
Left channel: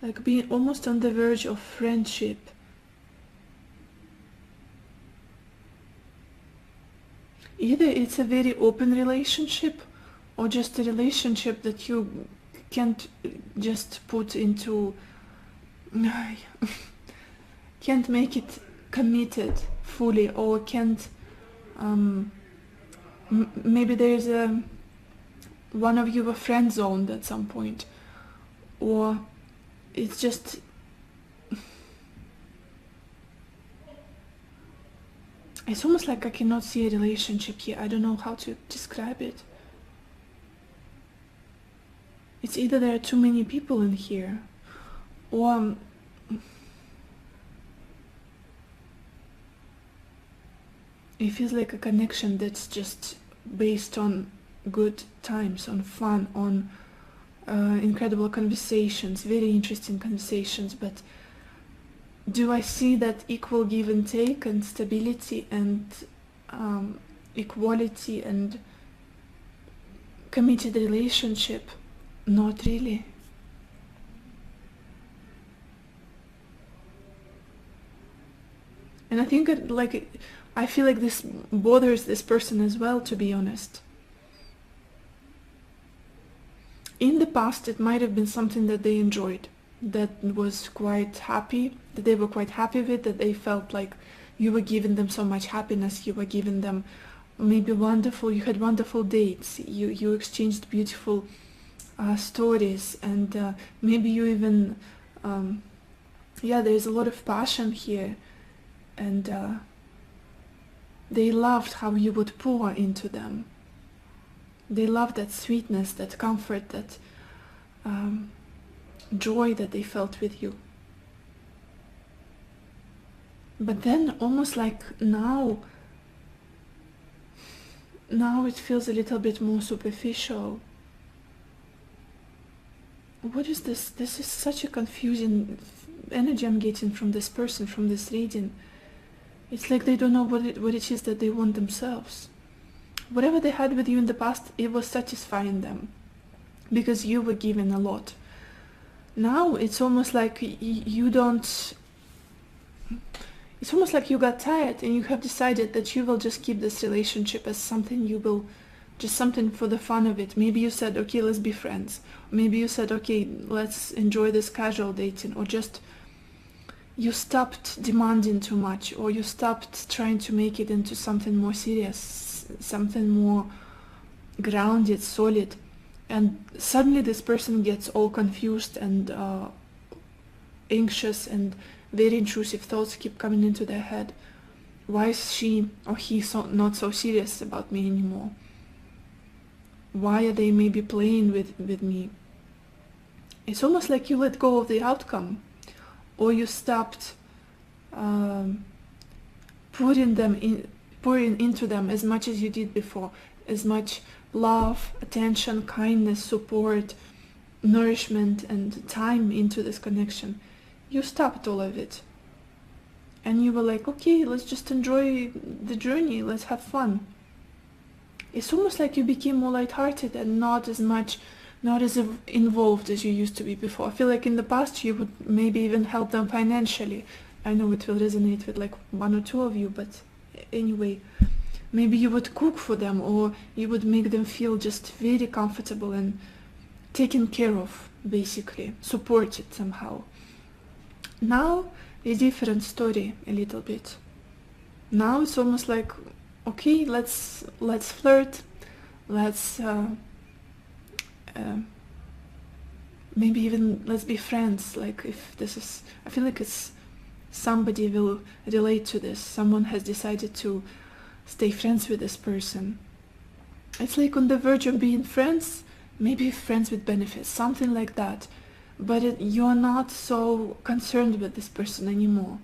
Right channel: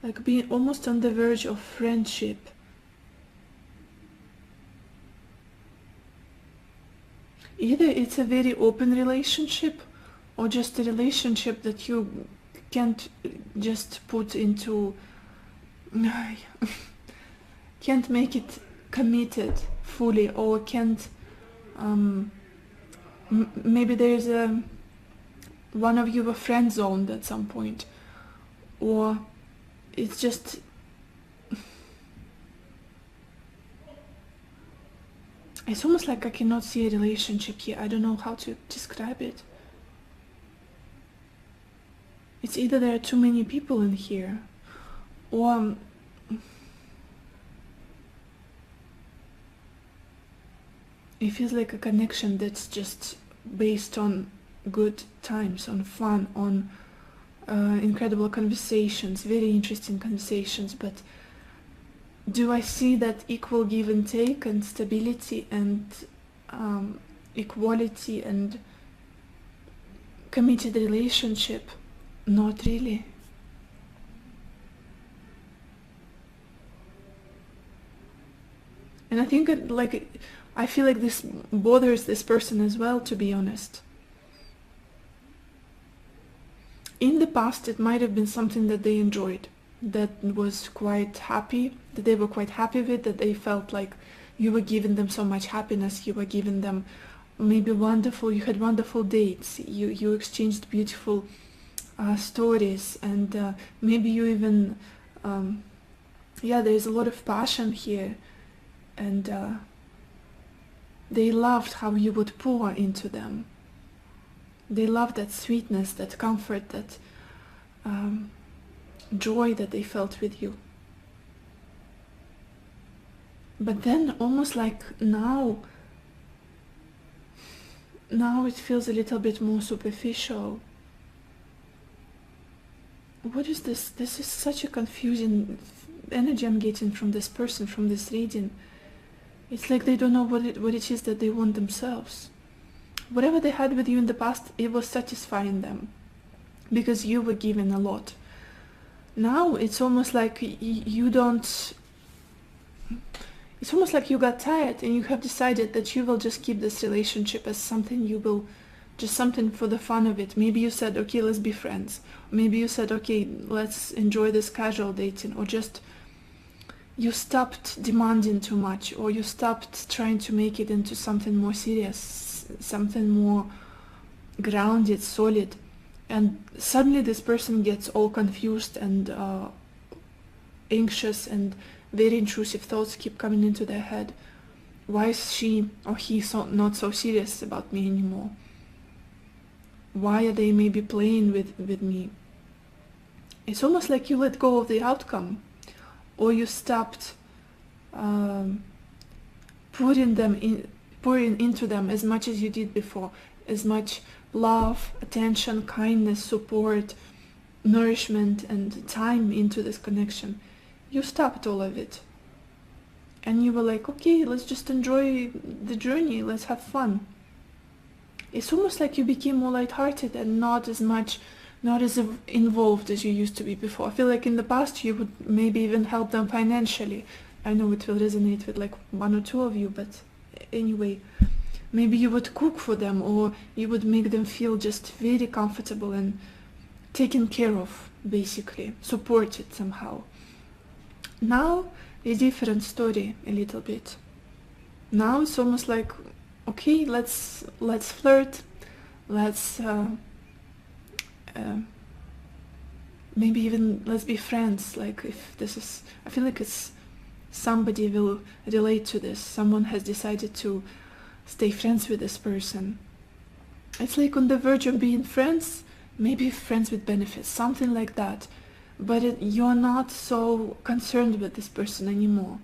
like being almost on the verge of friendship. Either it's a very open relationship or just a relationship that you can't just put into, can't make it committed fully, or can't, maybe there's one of you a friend zoned at some point, or it's just, it's almost like I cannot see a relationship here. I don't know how to describe it. It's either there are too many people in here, or it feels like a connection that's just based on good times, on fun, on incredible conversations, very interesting conversations. But do I see that equal give and take and stability and equality and committed relationship? Not really. And I think I feel like this bothers this person as well, to be honest. In the past, it might have been something that they enjoyed, that was quite happy, that they were quite happy with, that they felt like you were giving them so much happiness, you were giving them maybe you had wonderful dates, you exchanged beautiful stories, and maybe you even, there's a lot of passion here, and they loved how you would pour into them. They loved that sweetness, that comfort, that joy that they felt with you. But then almost like now it feels a little bit more superficial. What is this? This is such a confusing energy I'm getting from this person, from this reading. It's like they don't know what it is that they want themselves. Whatever they had with you in the past, it was satisfying them because you were given a lot. Now it's almost like you don't. It's almost like you got tired and you have decided that you will just keep this relationship as something you will, just something for the fun of it. Maybe you said, okay, let's be friends. Maybe you said, okay, let's enjoy this casual dating, or just you stopped demanding too much, or you stopped trying to make it into something more serious, something more grounded, solid. And suddenly this person gets all confused and anxious, and very intrusive thoughts keep coming into their head. Why is she or he not so serious about me anymore? Why are they maybe playing with me? It's almost like you let go of the outcome, or you stopped pouring into them as much as you did before, as much love, attention, kindness, support, nourishment, and time into this connection. You stopped all of it. And you were like, okay, let's just enjoy the journey, let's have fun. It's almost like you became more lighthearted and not as involved as you used to be before. I feel like in the past you would maybe even help them financially. I know it will resonate with like one or two of you, but anyway, maybe you would cook for them, or you would make them feel just very comfortable and taken care of, basically, supported somehow. Now, a different story a little bit. Now it's almost like, okay, let's flirt, let's maybe even let's be friends. Like, if this is, I feel like it's somebody will relate to this. Someone has decided to stay friends with this person. It's like on the verge of being friends, maybe friends with benefits, something like that. But you're not so concerned with this person anymore.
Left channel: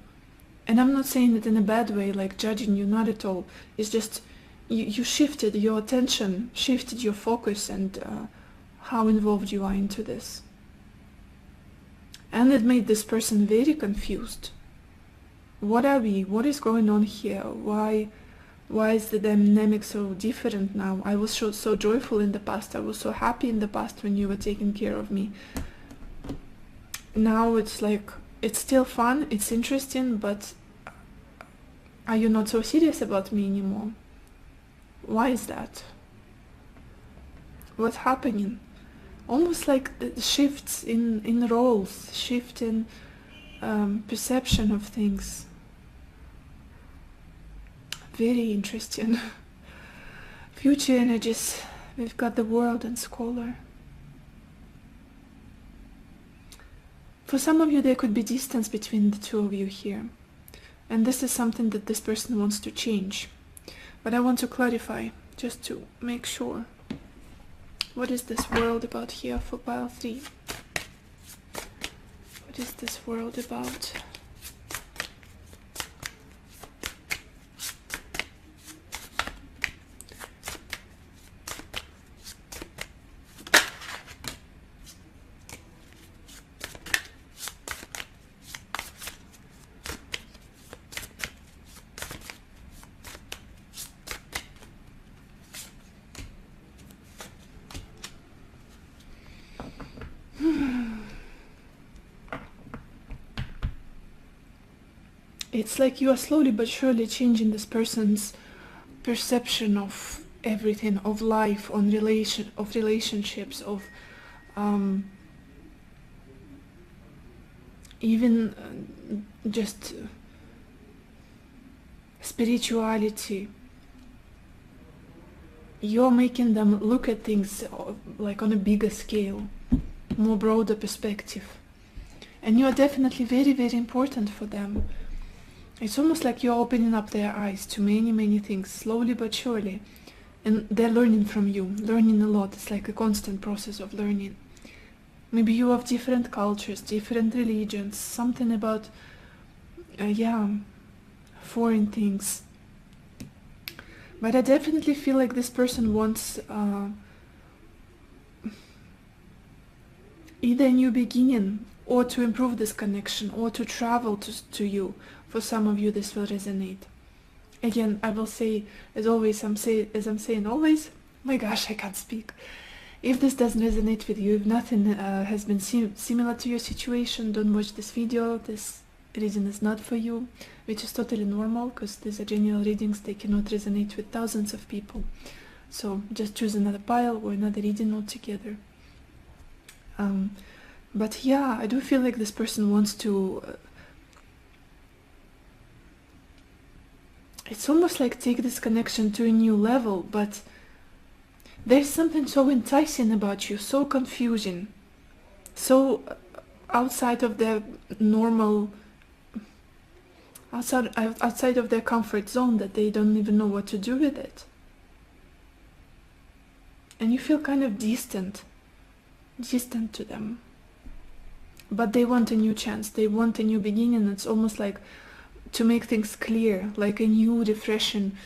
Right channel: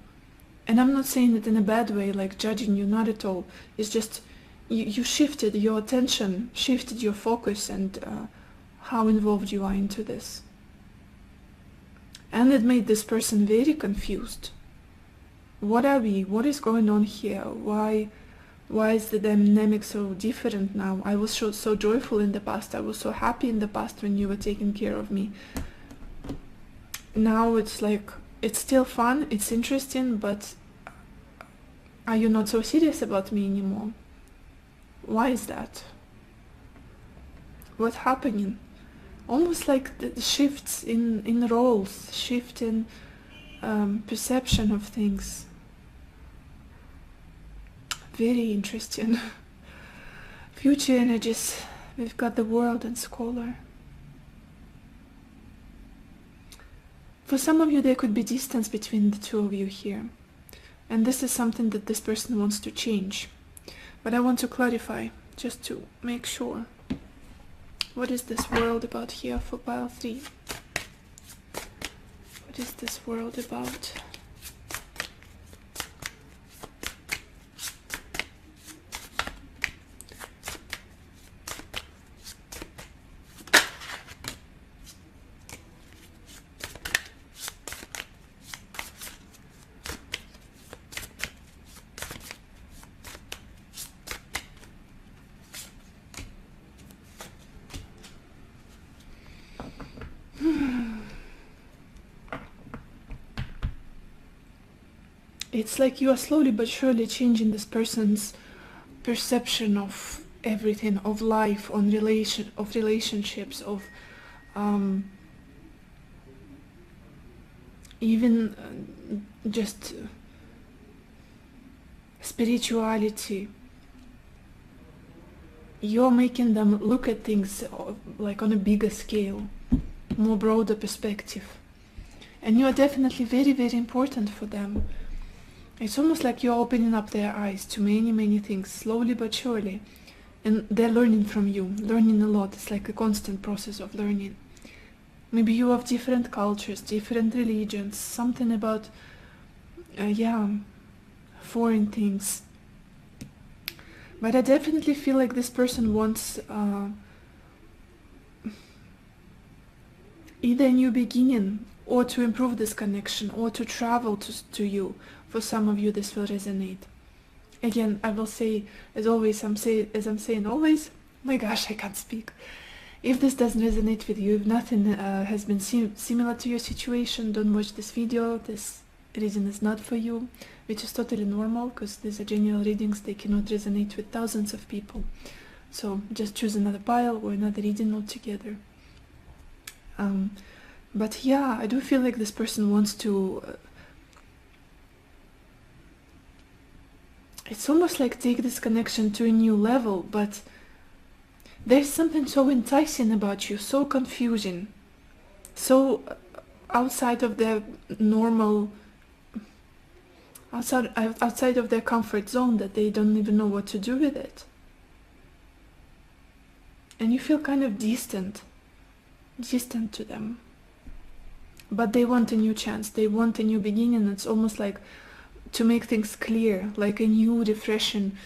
And I'm not saying it in a bad way, like judging you, not at all. It's just you shifted your attention, shifted your focus, and how involved you are into this. And it made this person very confused. What are we? What is going on here? Why is the dynamic so different now? I was so joyful in the past. I was so happy in the past when you were taking care of me. Now it's like, it's still fun, it's interesting, but are you not so serious about me anymore? Why is that? What's happening? Almost like the shifts in roles, shift in perception of things. Very interesting. Future energies. We've got the World and Scholar. For some of you, there could be distance between the two of you here. And this is something that this person wants to change. But I want to clarify, just to make sure. What is this world about here for pile 3? What is this world about? It's like you are slowly but surely changing this person's perception of everything, of life, of relationships, of even just spirituality. You're making them look at things like on a bigger scale, more broader perspective. And you are definitely very, very important for them. It's almost like you're opening up their eyes to many, many things, slowly but surely. And they're learning from you, learning a lot. It's like a constant process of learning. Maybe you have different cultures, different religions, something about, foreign things. But I definitely feel like this person wants either a new beginning, or to improve this connection, or to travel to you. For some of you, this will resonate. Again, I will say, as always, as I'm saying always, my gosh, I can't speak. If this doesn't resonate with you, if nothing has been similar to your situation, don't watch this video. This reading is not for you, which is totally normal, because these are general readings. They cannot resonate with thousands of people. So just choose another pile or another reading altogether. But yeah, I do feel like this person wants to... it's almost like take this connection to a new level, but there's something so enticing about you, so confusing, so outside of their normal, outside of their comfort zone, that they don't even know what to do with it. And you feel kind of distant to them. But they want a new chance, they want a new beginning. It's almost like to make things clear, like a new, refreshing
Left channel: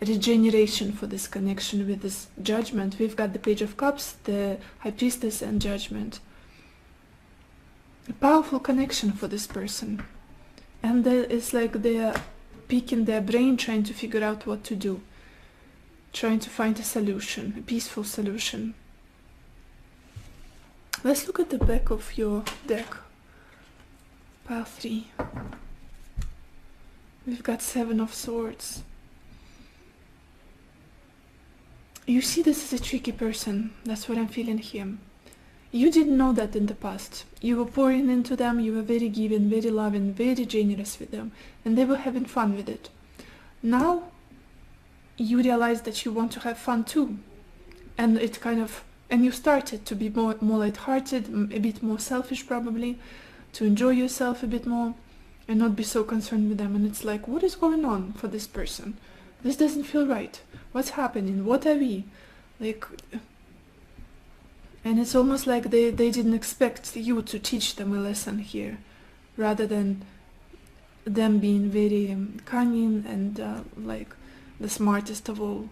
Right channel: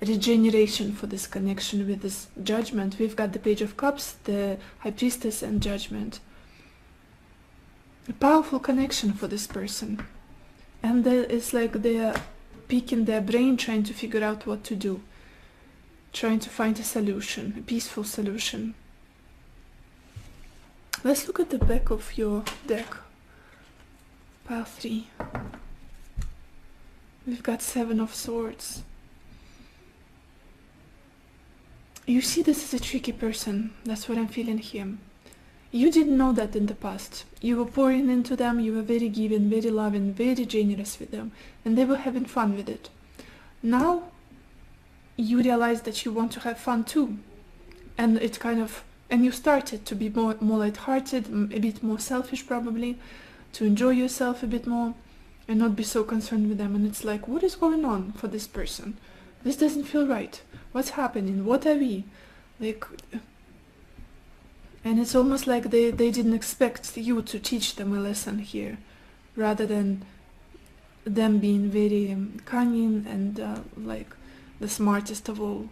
regeneration for this connection with this Judgment. We've got the Page of Cups, the High Priestess, and Judgment. A powerful connection for this person. And it's like they're picking their brain, trying to figure out what to do. Trying to find a solution, a peaceful solution. Let's look at the back of your deck. Pile 3. We've got 7 of Swords. You see, this is a tricky person. That's what I'm feeling here. You didn't know that in the past. You were pouring into them, you were very giving, very loving, very generous with them, and they were having fun with it. Now, you realize that you want to have fun too. And it kind of And you started to be more lighthearted, a bit more selfish probably, to enjoy yourself a bit more and not be so concerned with them. And it's like, what is going on for this person? This doesn't feel right. What's happening? What are we? Like, and it's almost like they didn't expect you to teach them a lesson here, rather than them being very cunning and like the smartest of all.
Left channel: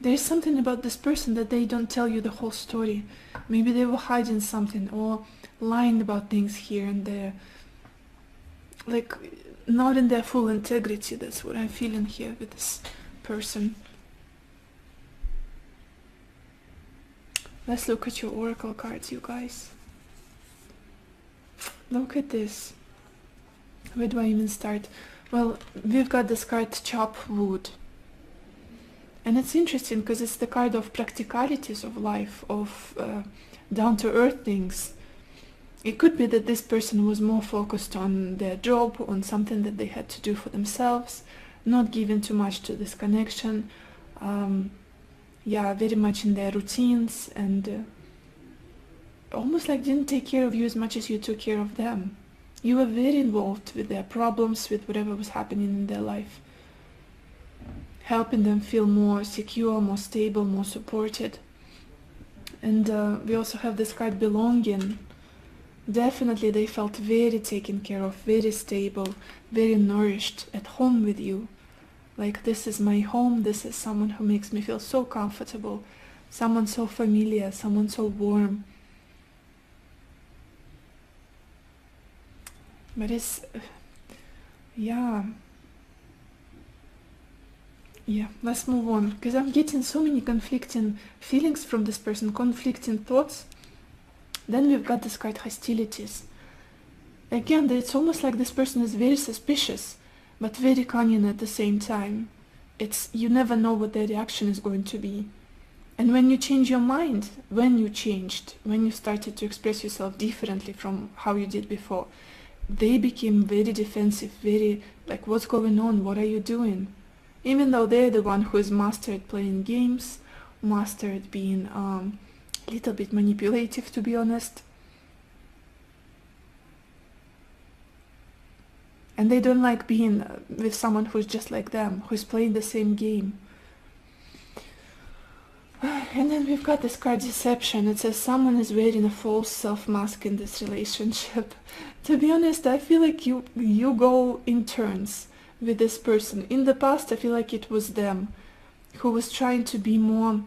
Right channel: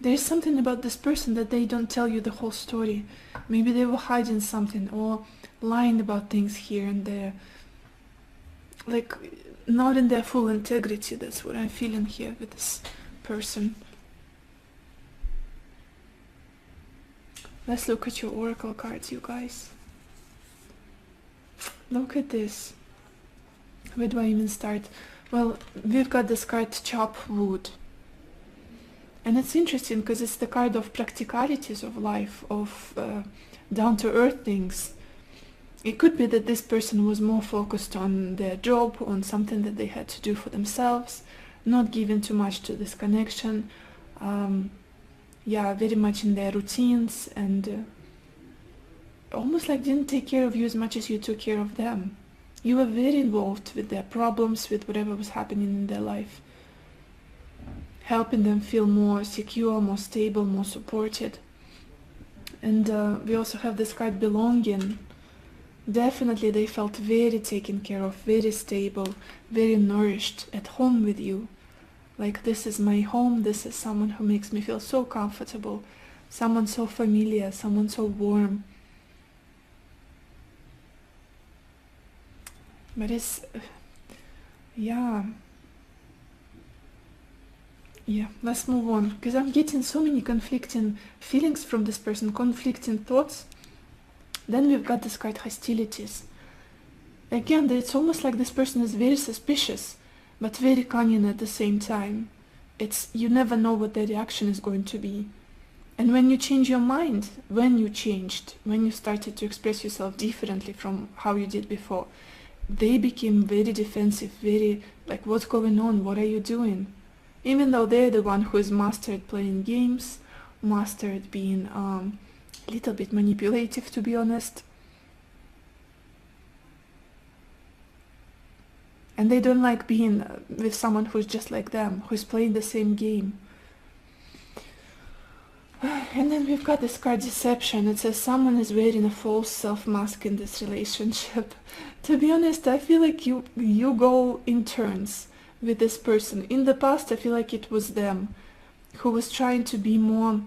There's something about this person that they don't tell you the whole story. Maybe they were hiding something or lying about things here and there. Like, not in their full integrity. That's what I'm feeling here with this person. Let's look at your oracle cards, you guys. Look at this. Where do I even start? Well, we've got this card, Chop Wood. And it's interesting because it's the card of practicalities of life, of down-to-earth things. It could be that this person was more focused on their job, on something that they had to do for themselves, not giving too much to this connection. Yeah, very much in their routines, and almost like didn't take care of you as much as you took care of them. You were very involved with their problems, with whatever was happening in their life, helping them feel more secure, more stable, more supported. And we also have this card, Belonging. Definitely they felt very taken care of, very stable, very nourished, at home with you. Like, this is my home, this is someone who makes me feel so comfortable, someone so familiar, someone so warm. But it's, yeah, let's move on, because I'm getting so many conflicting feelings from this person, conflicting thoughts. Then we've got this card, Hostilities. Again, it's almost like this person is very suspicious, but very cunning at the same time. It's, you never know what their reaction is going to be. And when you change your mind, when you started to express yourself differently from how you did before, they became very defensive, very like, what's going on? What are you doing? Even though they're the one who has mastered playing games, mastered being a little bit manipulative, to be honest. And they don't like being with someone who's just like them, who's playing the same game. And then we've got this card, Deception. It says someone is wearing a false self-mask in this relationship. To be honest, I feel like you go in turns with this person. In the past, I feel like it was them who was trying to be more,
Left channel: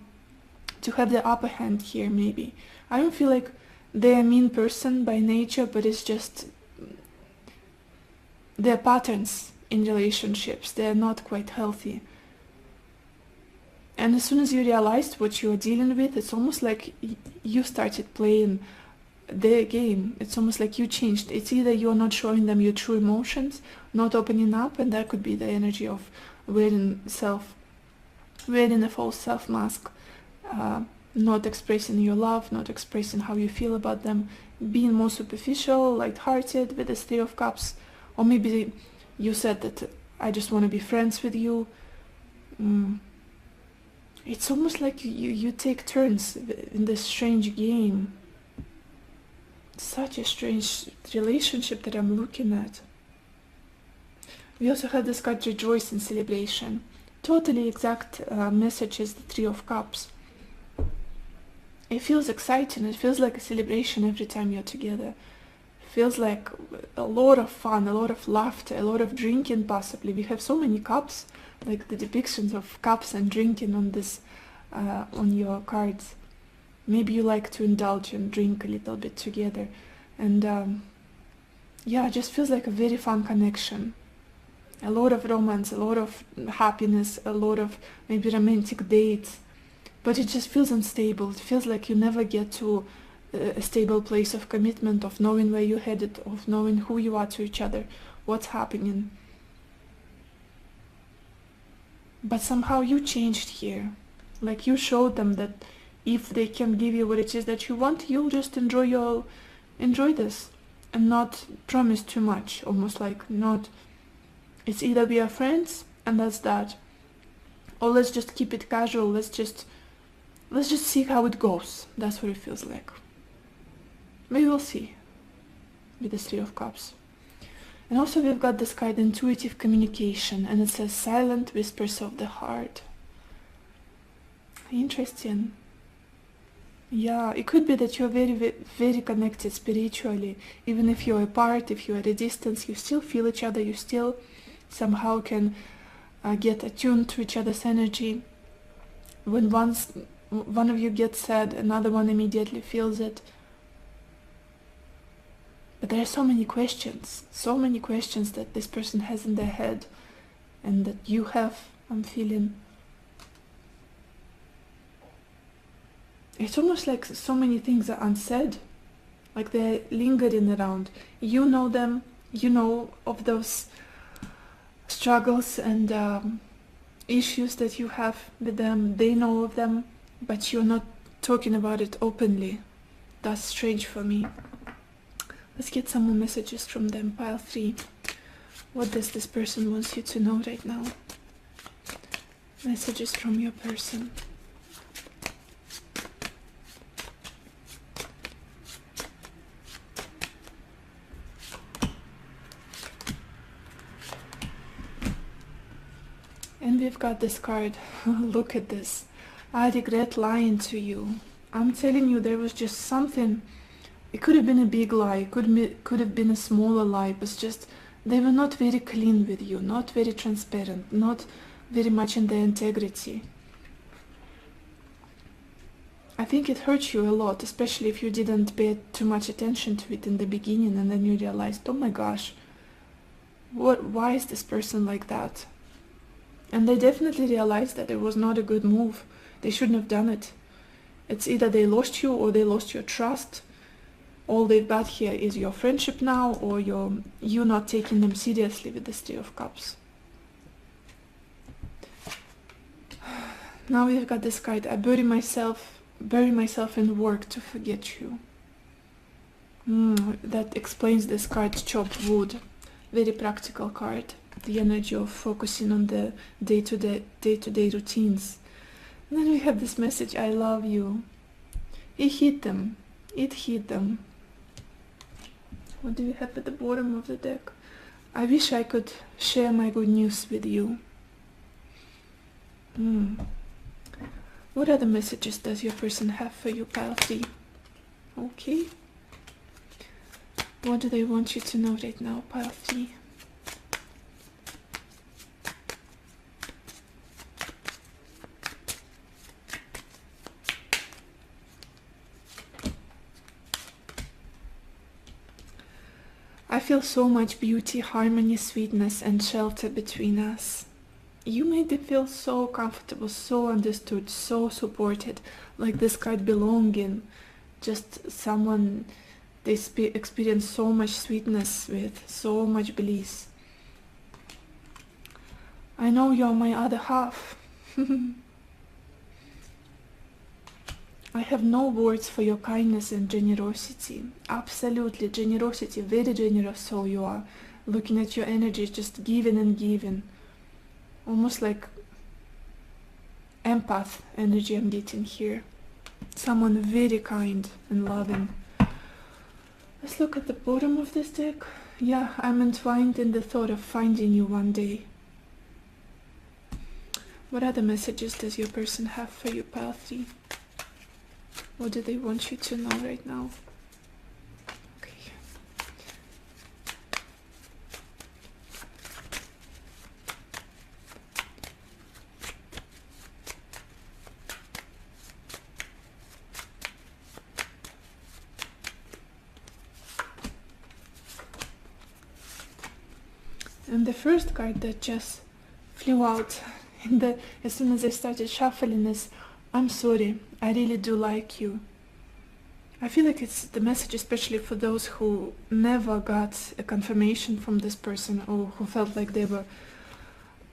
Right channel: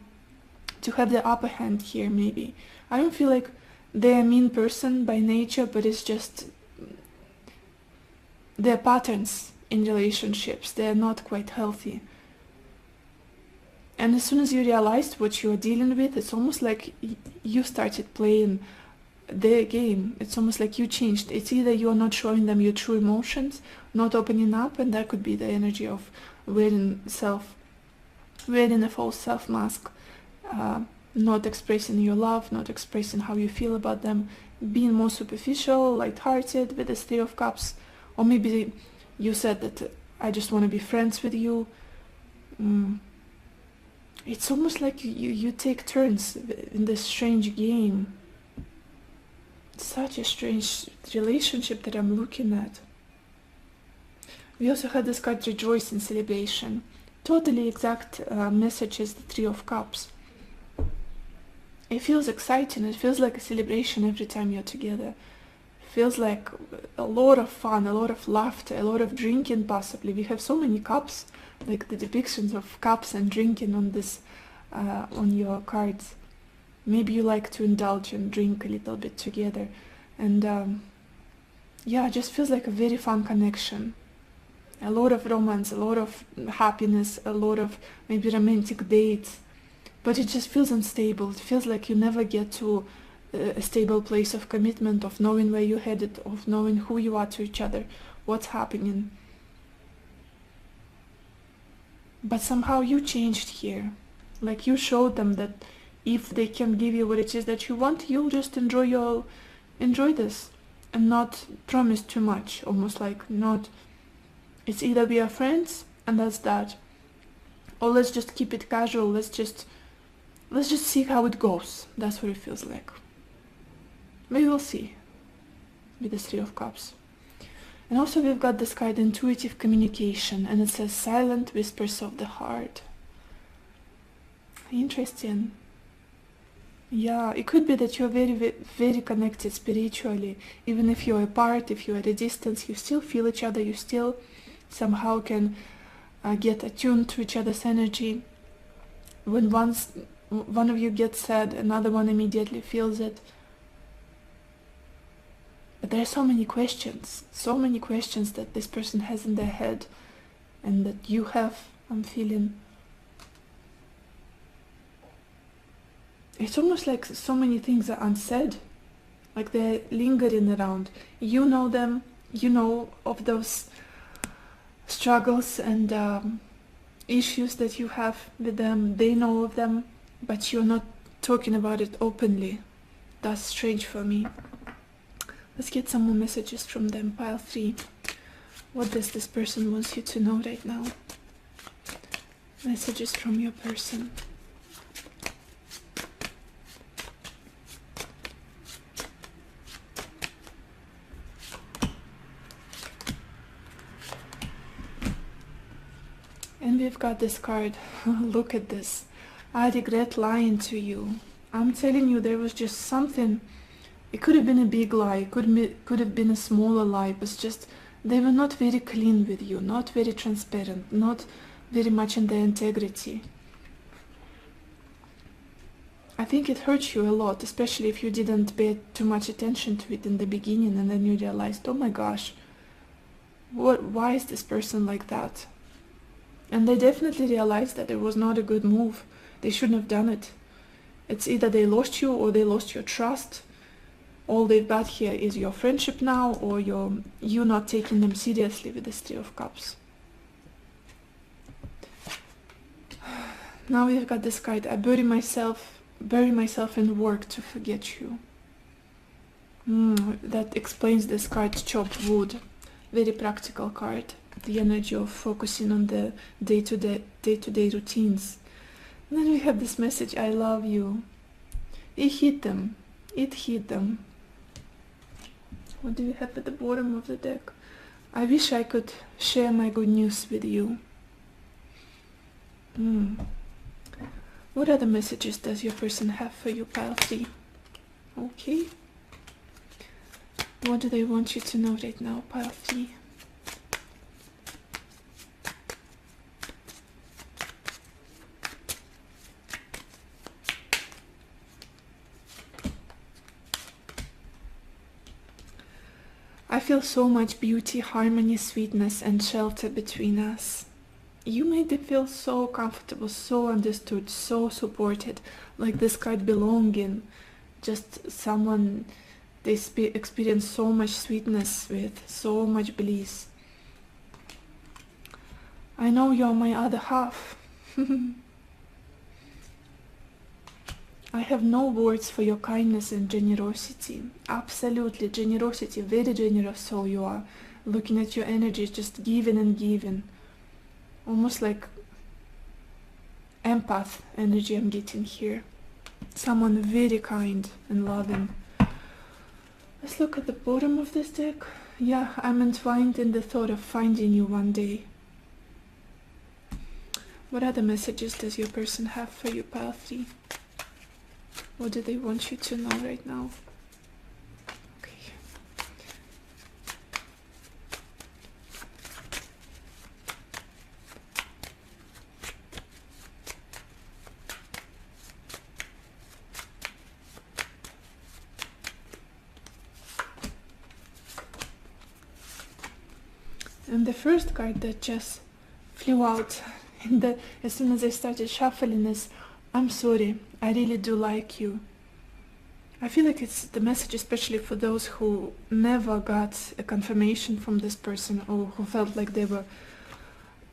to have the upper hand here, maybe. I don't feel like they're a mean person by nature, but it's just their patterns in relationships. They're not quite healthy. And as soon as you realized what you are dealing with, it's almost like you started playing their game. It's almost like you changed. It's either you're not showing them your true emotions, not opening up, and that could be the energy of wearing a false self-mask, not expressing your love, not expressing how you feel about them, being more superficial, light-hearted with the Three of Cups. Or maybe you said that I just want to be friends with you. It's almost like you take turns in this strange game. Such a strange relationship that I'm looking at. We also had this card, Rejoice and Celebration. Totally exact message as the Three of Cups. It feels exciting. It feels like a celebration every time you're together. It feels like a lot of fun, a lot of laughter, a lot of drinking possibly. We have so many cups, like the depictions of cups and drinking on this, on your cards. Maybe you like to indulge and drink a little bit together. And yeah, it just feels like a very fun connection. A lot of romance, a lot of happiness, a lot of maybe romantic dates. But it just feels unstable. It feels like you never get to a stable place of commitment, of knowing where you're headed, of knowing who you are to each other, what's happening. But somehow you changed here. Like, you showed them that if they can give you what it is that you want, you'll just enjoy this and not promise too much. Almost like not, it's either we are friends and that's that, Or let's just keep it casual, let's just see how it goes. That's what it feels like. We will see with the Three of Cups. And also we've got this card, intuitive communication, and it says silent whispers of the heart. Interesting. Yeah, it could be that you're very connected spiritually. Even if you're apart, if you're at a distance, you still feel each other, you still somehow can get attuned to each other's energy. When one of you gets sad, another one immediately feels it. But there are so many questions that this person has in their head and that you have, I'm feeling. It's almost like so many things are unsaid, like they're lingering around. You know them, you know of those struggles and issues that you have with them, they know of them, but you're not talking about it openly. That's strange for me. Let's get some more messages from them. Pile 3. What does this person want you to know right now? Messages from your person. And we've got this card. Look at this. I regret lying to you. I'm telling you, there was just something. It could have been a big lie. It could have been a smaller lie. But just, they were not very clean with you. Not very transparent. Not very much in their integrity. I think it hurt you a lot, especially if you didn't pay too much attention to it in the beginning and then you realized, oh my gosh, why is this person like that? And they definitely realized that it was not a good move. They shouldn't have done it. It's either they lost you or they lost your trust. All they've got here is your friendship now, or you not taking them seriously with this Three of Cups. Now we've got this card. I bury myself in work to forget you. That explains this card, chopped wood. Very practical card. The energy of focusing on the day-to-day routines. And then we have this message, I love you. It hit them. What do we have at the bottom of the deck? I wish I could share my good news with you. What other messages does your person have for you, pile 3? Okay. What do they want you to know right now, pile 3? I feel so much beauty, harmony, sweetness, and shelter between us. You made me feel so comfortable, so understood, so supported, like this card belonging. Just someone they experience so much sweetness with, so much bliss. I know you're my other half. I have no words for your kindness and generosity. Absolutely, generosity, very generous soul you are. Looking at your energy, just giving and giving. Almost like empath energy I'm getting here. Someone very kind and loving. Let's look at the bottom of this deck. Yeah, I'm entwined in the thought of finding you one day. What other messages does your person have for you, pile 3? What do they want you to know right now? And the first card that just flew out as soon as I started shuffling is, I'm sorry, I really do like you. I feel like it's the message especially for those who never got a confirmation from this person, or who felt like they were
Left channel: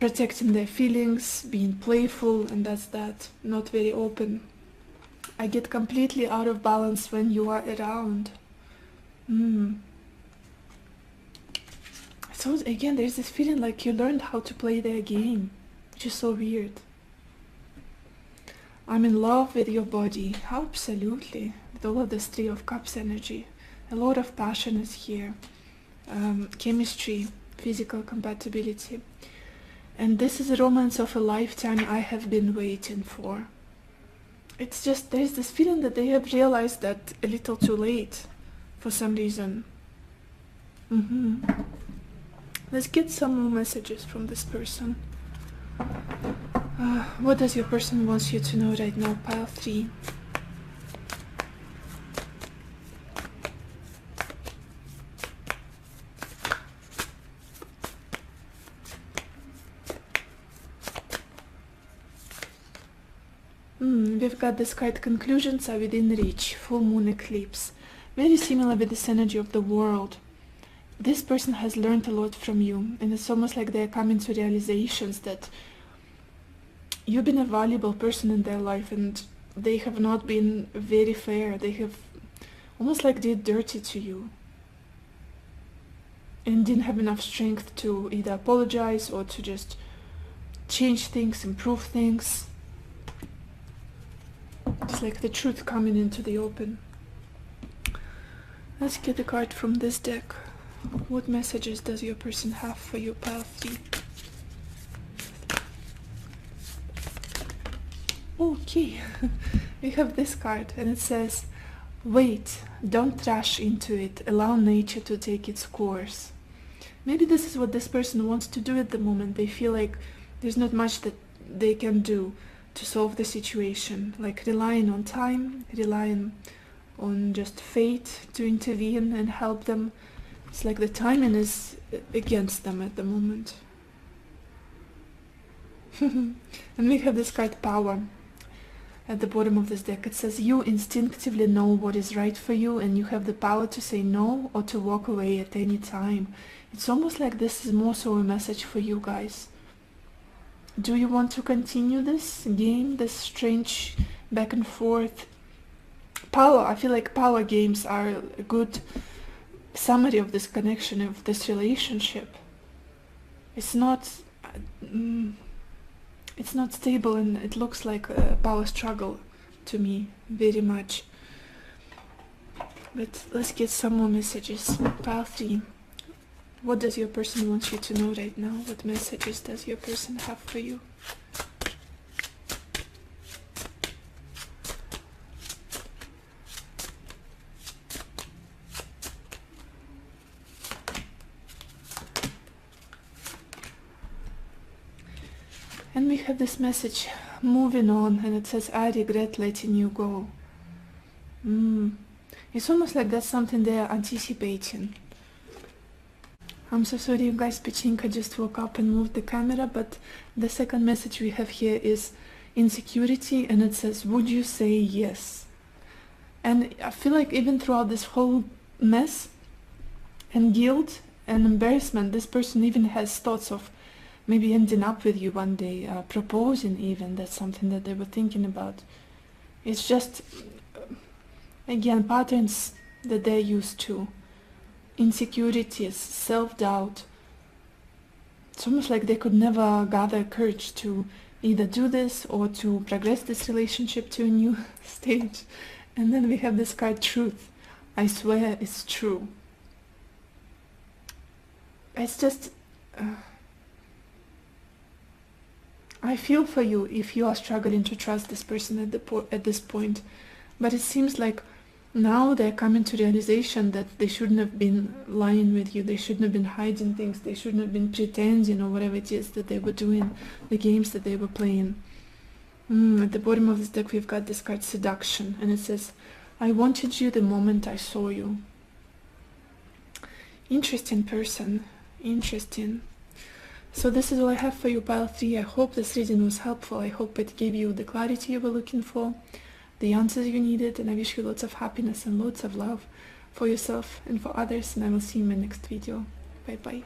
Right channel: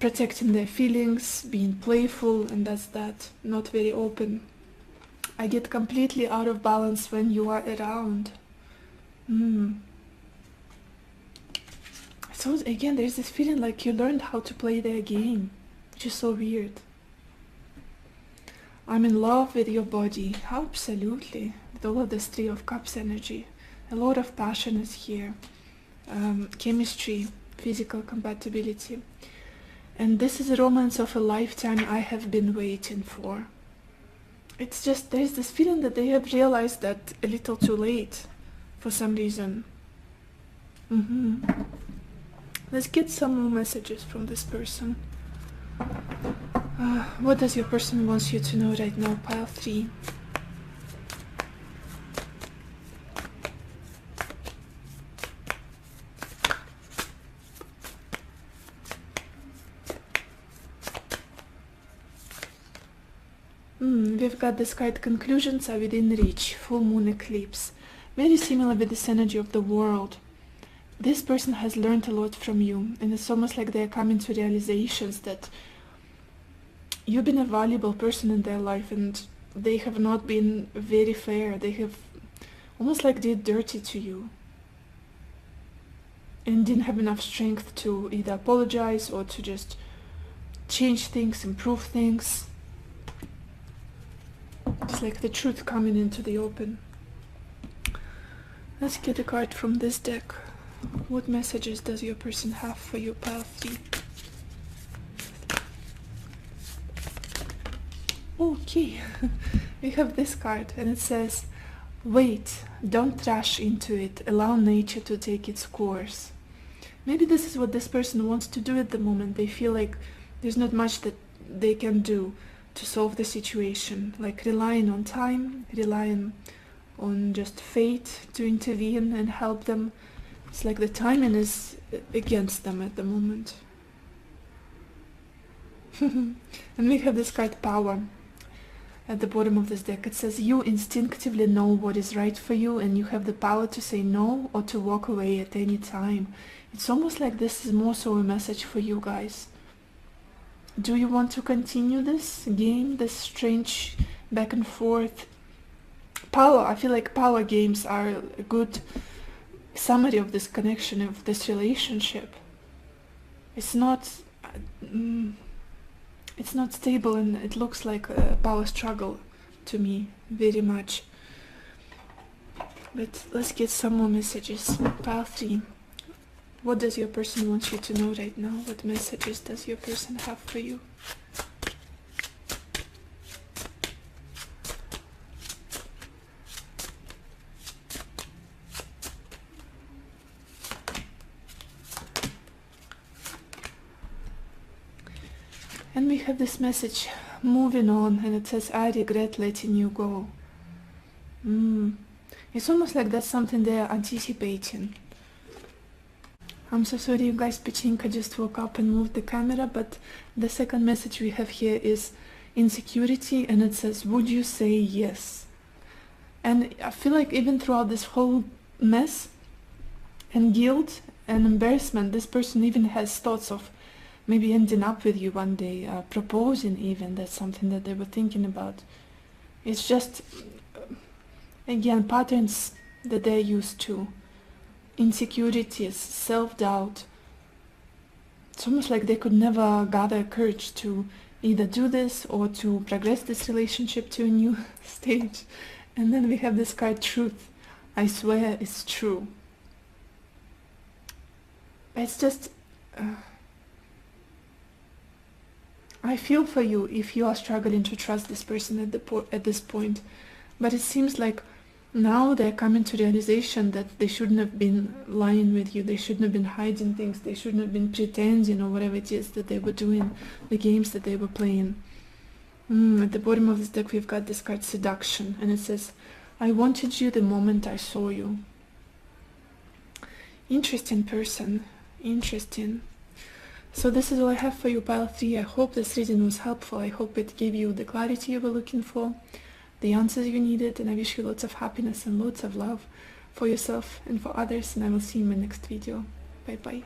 protecting their feelings, being playful, and that's that, not very open. I get completely out of balance when you are around. So again, there's this feeling like you learned how to play their game, which is so weird. I'm in love with your body. Absolutely. With all of this Three of Cups energy. A lot of passion is here. Chemistry, physical compatibility. And this is a romance of a lifetime I have been waiting for. It's just, there's this feeling that they have realized that a little too late for some reason. Let's get some more messages from this person. What does your person want you to know right now? Pile 3. We've got this card, conclusions are within reach, full moon eclipse. Very similar with this energy of the world. This person has learned a lot from you, and it's almost like they're coming to realizations that you've been a valuable person in their life, and they have not been very fair. They have almost like did dirty to you and didn't have enough strength to either apologize or to just change things, improve things. It's like the truth coming into the open. Let's get a card from this deck. What messages does your person have for you, Pile 3? Okay, we have this card and it says, wait, don't rush into it, allow nature to take its course. Maybe this is what this person wants to do at the moment. They feel like there's not much that they can do to solve the situation, like relying on time, relying on just fate to intervene and help them. It's like the timing is against them at the moment. And we have this card, Power. At the bottom of this deck, it says, you instinctively know what is right for you and you have the power to say no or to walk away at any time. It's almost like this is more so a message for you guys. Do you want to continue this game, this strange back and forth? Power, I feel like power games are a good summary of this connection, of this relationship. It's not stable, and it looks like a power struggle to me, very much. But let's get some more messages. Pile 3. What does your person want you to know right now? What messages does your person have for you? And we have this message, moving on, and it says, I regret letting you go. It's almost like that's something they're anticipating. I'm so sorry, you guys, Pachinka just woke up and moved the camera, but the second message we have here is insecurity, and it says, would you say yes? And I feel like even throughout this whole mess and guilt and embarrassment, this person even has thoughts of maybe ending up with you one day, proposing even. That's something that they were thinking about. It's just, again, patterns that they're used to. Insecurities, self-doubt. It's almost like they could never gather courage to either do this or to progress this relationship to a new stage. And then we have this card, Truth. I swear it's true. It's just... I feel for you if you are struggling to trust this person at this point. But it seems like now they're coming to the realization that they shouldn't have been lying with you, they shouldn't have been hiding things, they shouldn't have been pretending or whatever it is that they were doing, the games that they were playing. At the bottom of this deck we've got this card, Seduction, and it says, I wanted you the moment I saw you. Interesting person, interesting. So this is all I have for you, Pile 3. I hope this reading was helpful. I hope it gave you the clarity you were looking for, the answers you needed, and I wish you lots of happiness and lots of love for yourself and for others, and I will see you in my next video. Bye bye.